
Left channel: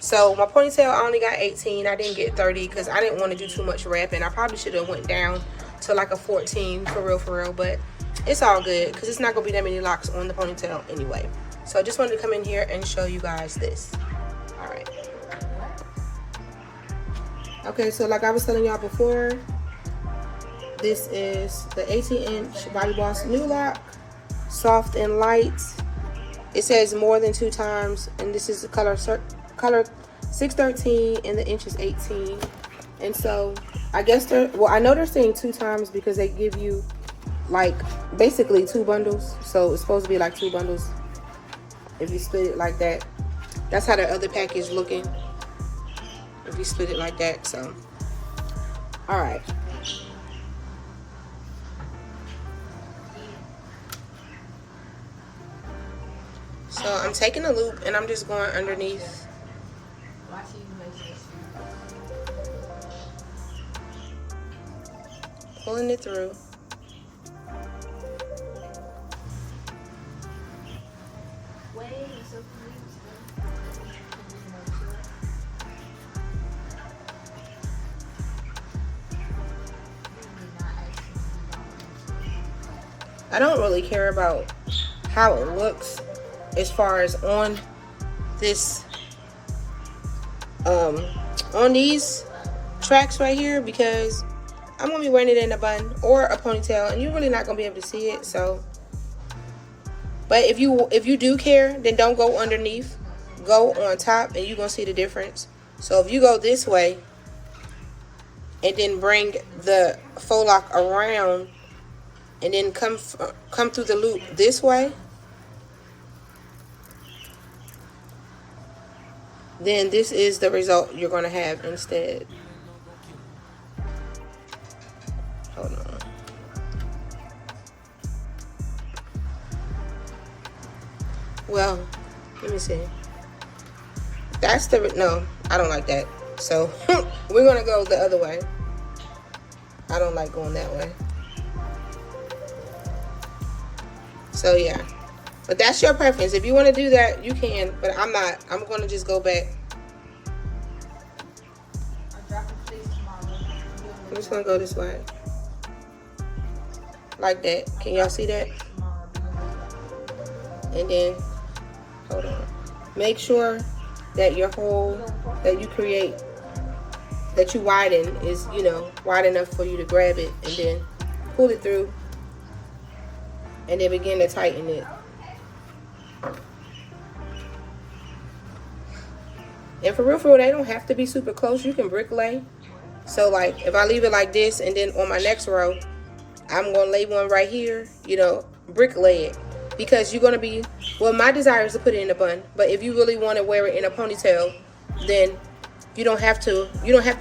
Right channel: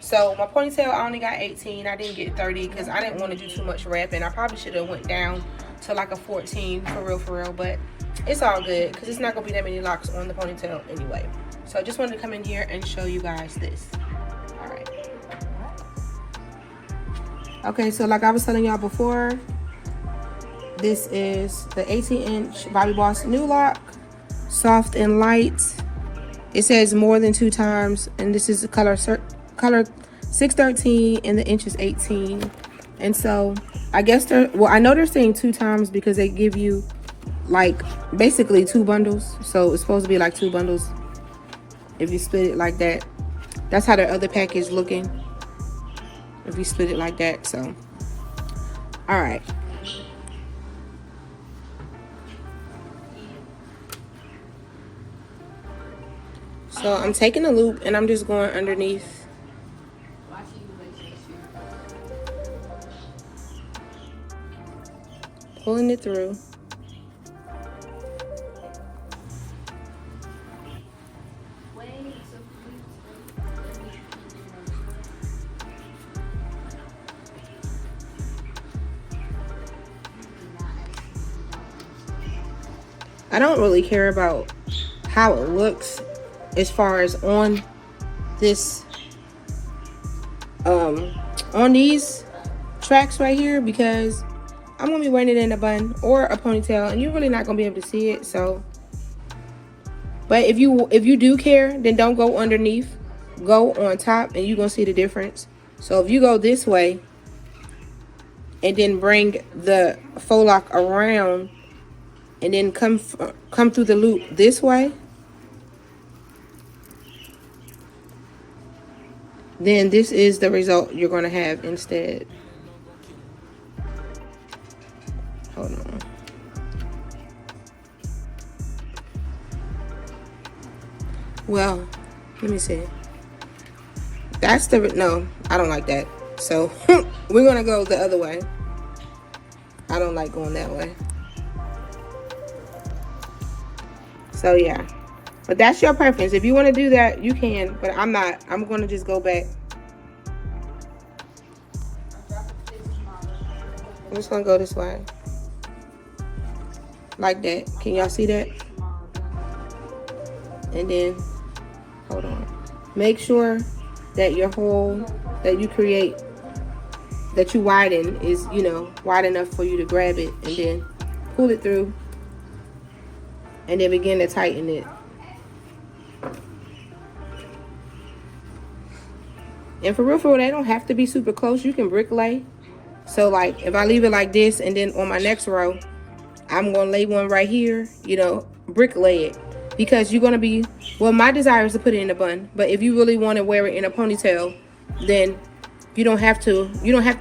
So my ponytail, I only got 18. I didn't get 30 because I didn't want to do too much wrapping. I probably should have went down to like a 14 for real, but it's all good because it's not gonna be that many locks on the ponytail anyway. So I just wanted to come in here and show you guys this. All right. Okay, so like I was telling y'all before, this is the 18-inch Bobbi Boss new lock, soft and light. It says more than 2 times, and this is the color 613, and the inch is 18. And so I guess I know they're saying 2 times because they give you like basically 2 bundles. So it's supposed to be like 2 bundles if you split it like that. That's how the other pack is looking if you split it like that. So all right. So I'm taking a loop and I'm just going underneath. Pulling it through. I don't really care about how it looks as far as on this, on these tracks right here, because I'm gonna be wearing it in a bun or a ponytail, and you're really not gonna be able to see it. So, but if you do care, then don't go underneath, go on top, and you're gonna see the difference. So if you go this way and then bring the faux lock around and then come through the loop this way, then this is the result you're going to have instead. Hold on. Well, let me see. That's the, no, I don't like that. So we're going to go the other way. I don't like going that way. So yeah, but that's your preference. If you want to do that, you can, but I'm not. I'm going to just go back. I'm just going to go this way. Like that. Can y'all see that? And then, hold on. Make sure that your hole that you create, that you widen, is, you know, wide enough for you to grab it, and then pull it through. And then begin to tighten it. And for real, they don't have to be super close. You can brick lay. So like, if I leave it like this, and then on my next row, I'm gonna lay one right here, you know, brick lay it. Because you're gonna be, well, my desire is to put it in a bun. But if you really want to wear it in a ponytail, then you don't have to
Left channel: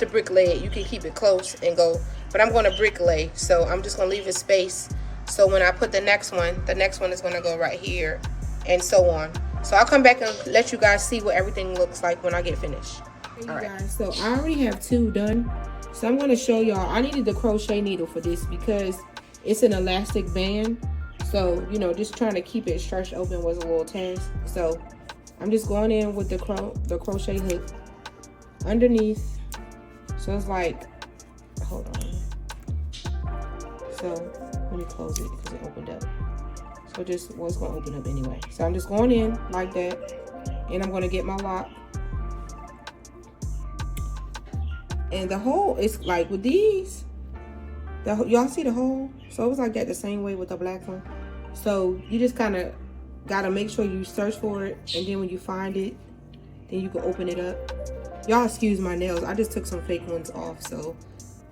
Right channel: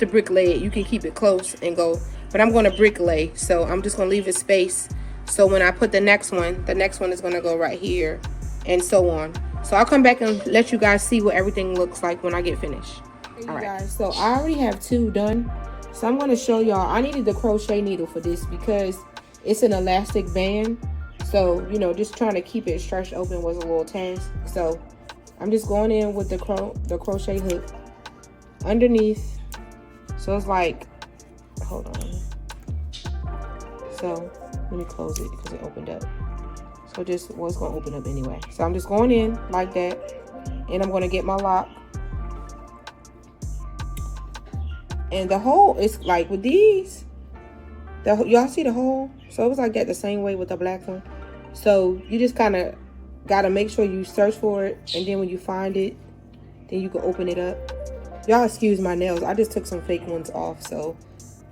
brick lay it. You can keep it close and go. But I'm gonna brick lay. So I'm just gonna leave a space. So when I put the next one is going to go right here, and so on. So I'll come back and let you guys see what everything looks like when I get finished. Hey, you guys, so I already have 2 done. So I'm going to show y'all. I needed the crochet needle for this because it's an elastic band. So, you know, just trying to keep it stretched open was a little task. So I'm just going in with the crochet hook underneath. So it's like, hold on. So let me close it because it opened up. So just, well, it's going to open up anyway. So I'm just going in like that. And I'm going to get my lock. And the hole is like with these. Y'all see the hole? So it was like that the same way with the black one. So you just kind of got to make sure you search for it. And then when you find it, then you can open it up. Y'all excuse my nails. I just took some fake ones off. So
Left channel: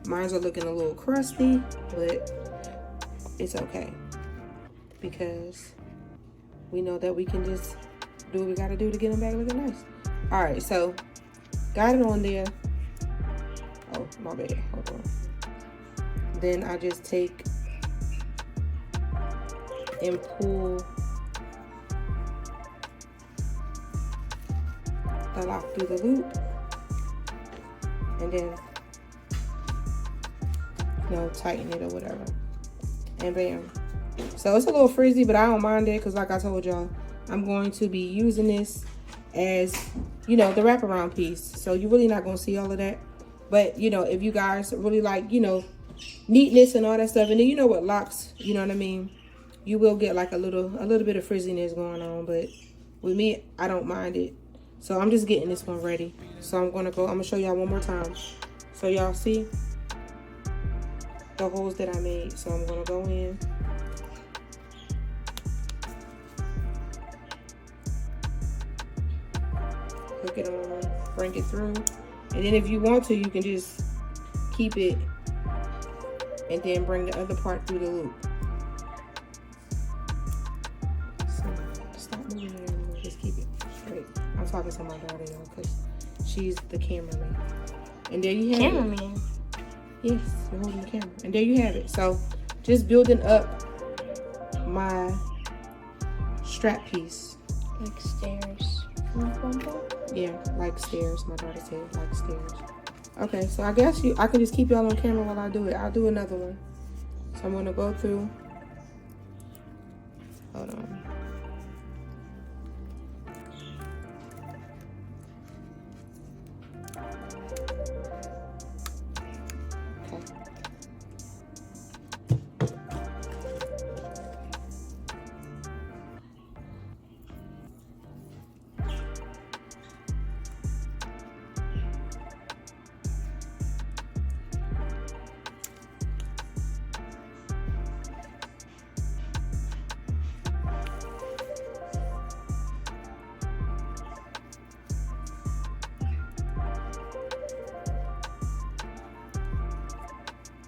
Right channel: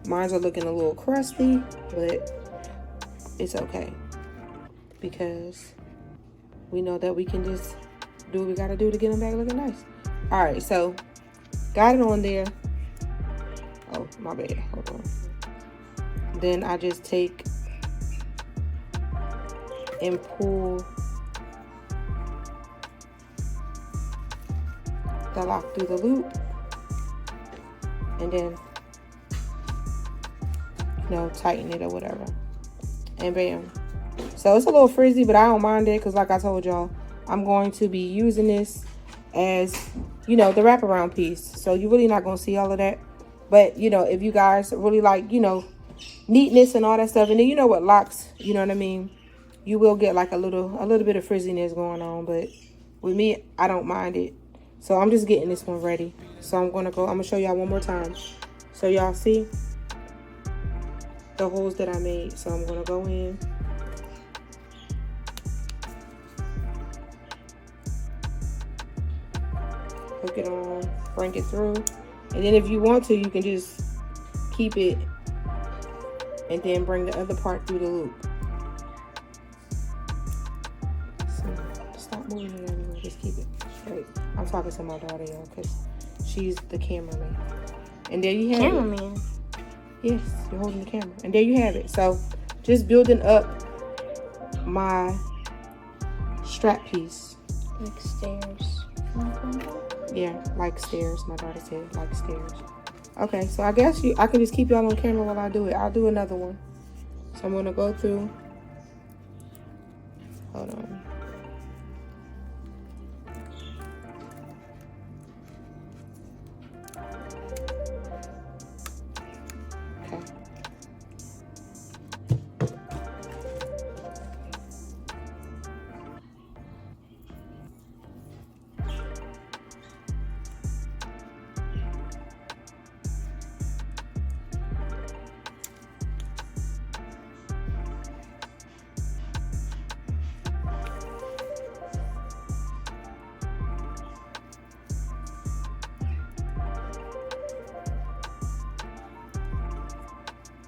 mine are looking a little crusty. But it's okay, because we know that we can just do what we gotta do to get them back looking nice. All right, so got it on there. Oh, my bad. Hold on. Then I just take and pull the lock through the loop, and then, you know, tighten it or whatever. And bam. So it's a little frizzy, but I don't mind it, because like I told y'all, I'm going to be using this as, you know, the wraparound piece. So you're really not going to see all of that. But, you know, if you guys really like, you know, neatness and all that stuff, and then you know what, locks, you know what I mean, you will get like a little bit of frizziness going on. But with me, I don't mind it. So I'm just getting this one ready. So I'm going to show y'all one more time. So y'all see the holes that I made. So I'm going to go in. Hook it on, bring it through. And then if you want to, you can just keep it and then bring the other part through the loop. So stop moving it anymore, just keep it straight. I'm talking to my daughter, y'all, because she's the cameraman. And there you have it. Cameraman? Yes, you're holding the camera. And there you have it. So just building up my strap piece. Like stairs. Yeah, like stairs. My daughter said like stairs. Okay, so I guess I can just keep y'all on camera while I do it. I'll do another one. So I'm gonna go through. Hold on.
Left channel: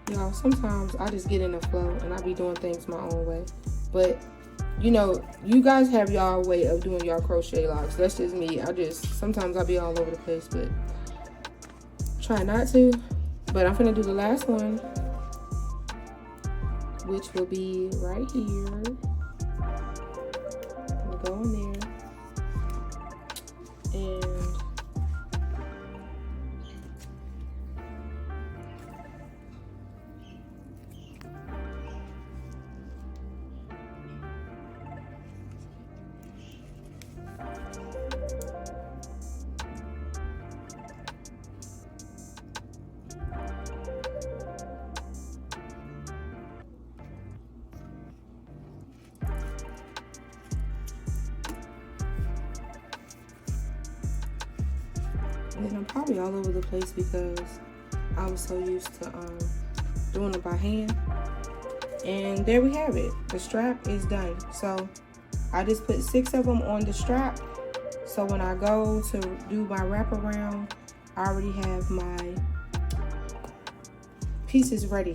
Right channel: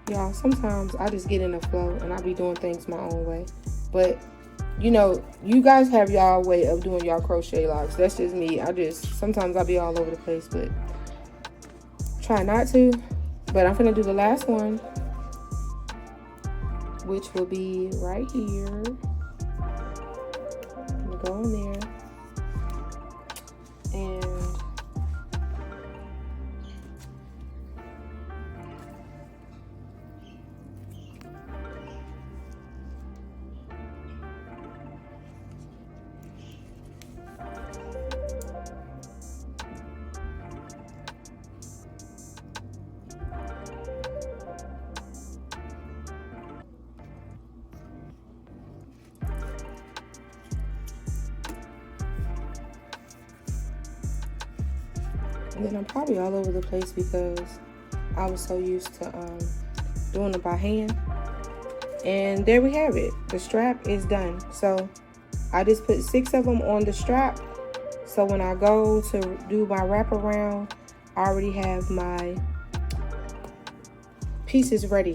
Y'all, sometimes I just get in the flow and I be doing things my own way. But, you know, you guys have y'all way of doing y'all crochet locks. That's just me. Sometimes I be all over the place, but try not to. But I'm gonna do the last one, which will be right here. I'm gonna go in there. And then I'm probably all over the place because I was so used to doing it by hand. And there we have it. The strap is done. So I just put 6 of them on the strap. So when I go to do my wraparound, I already have my pieces ready.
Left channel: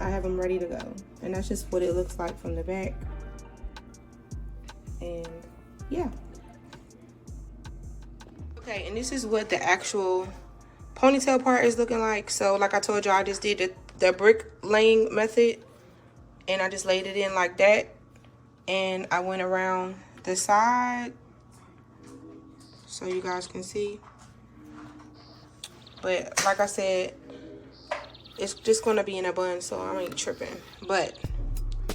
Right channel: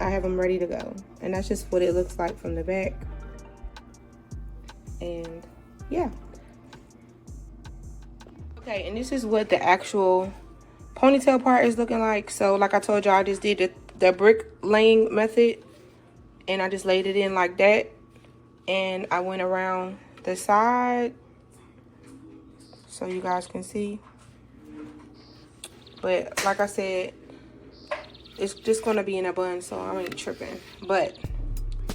I have them ready to go. And that's just what it looks like from the back. And yeah. Okay, and this is what the actual ponytail part is looking like. So like I told y'all, I just did the brick laying method, and I just laid it in like that, and I went around the side so you guys can see. But like I said, it's just gonna be in a bun, so I ain't tripping. But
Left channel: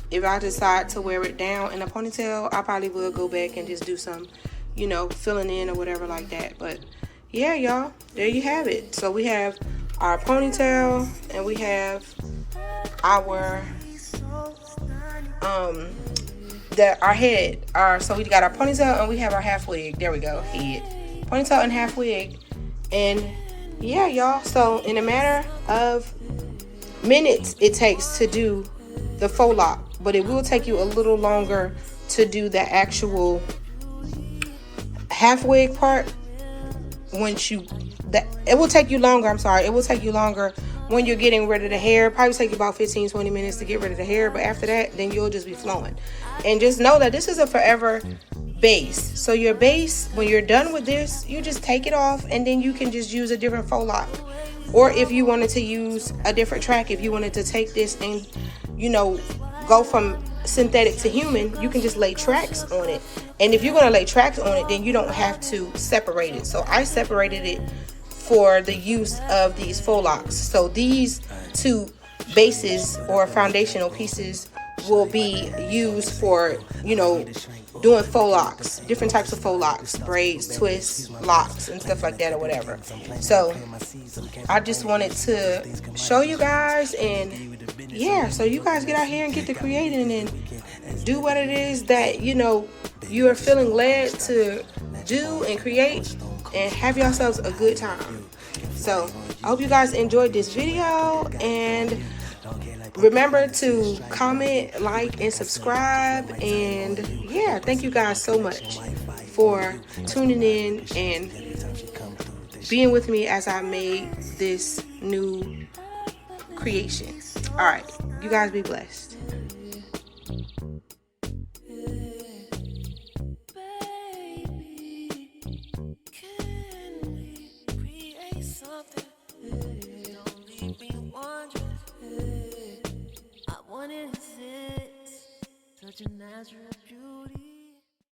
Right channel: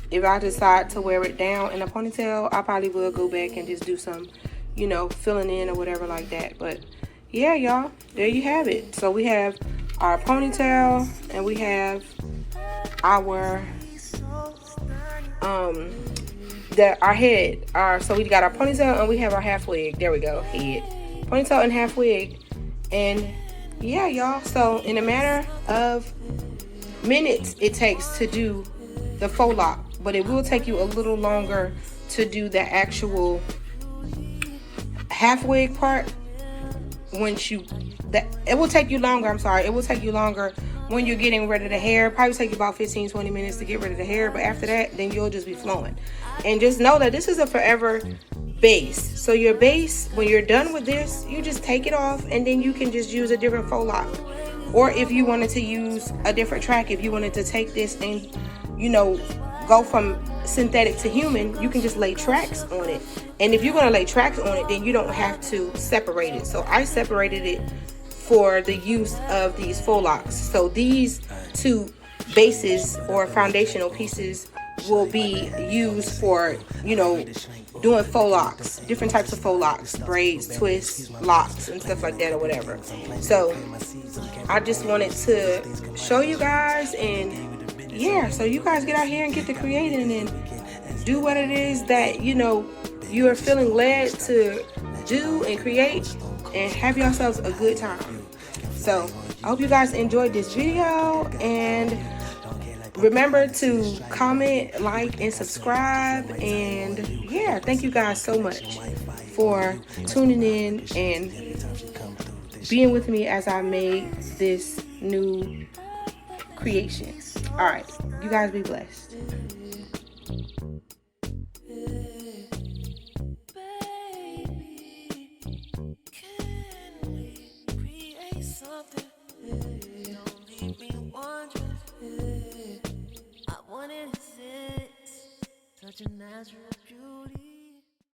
if I decide to wear it down in a ponytail, I probably will go back and just do some, you know, filling in or whatever like that. But yeah, y'all, there you have it. So we have our ponytail and we have our our head. So we got our ponytail and we have our half wig. There we go, head, ponytail and half wig. And yeah, y'all, so in a matter of minutes it takes to do the faux lock, but it will take you a little longer to do the actual half wig part. It will take you longer, it will take you longer when you're getting rid of the hair. Probably take you about 15-20 minutes to get rid of the hair, but after that, then you'll just be flowing. And just know that this is a forever base. So your base, when you're done with this, you just take it off and then you can just use a different faux lock. Or if you wanted to use a different track, if you wanted to take this and, you know, go from synthetic to human, you can just lay tracks on it. And if you're going to lay tracks on it, then you don't have to separate it. So I separated it for the use of these faux locks. So these two bases or foundational pieces will be used for, you know, doing faux locks, different types of faux locks, braids, twists, locks, and stuff like that or whatever. So I just wanted to show you guys, and yeah, so you guys get out here and get to creating and do what it is that, you know, you are feeling led to do and create, and have yourselves a good time. So I hope you guys enjoyed this video, and remember to comment, like, and subscribe. And yeah, thank you guys so much for tuning in and being with me as I made this new creation. All right, you guys be blessed. Such a natural beauty.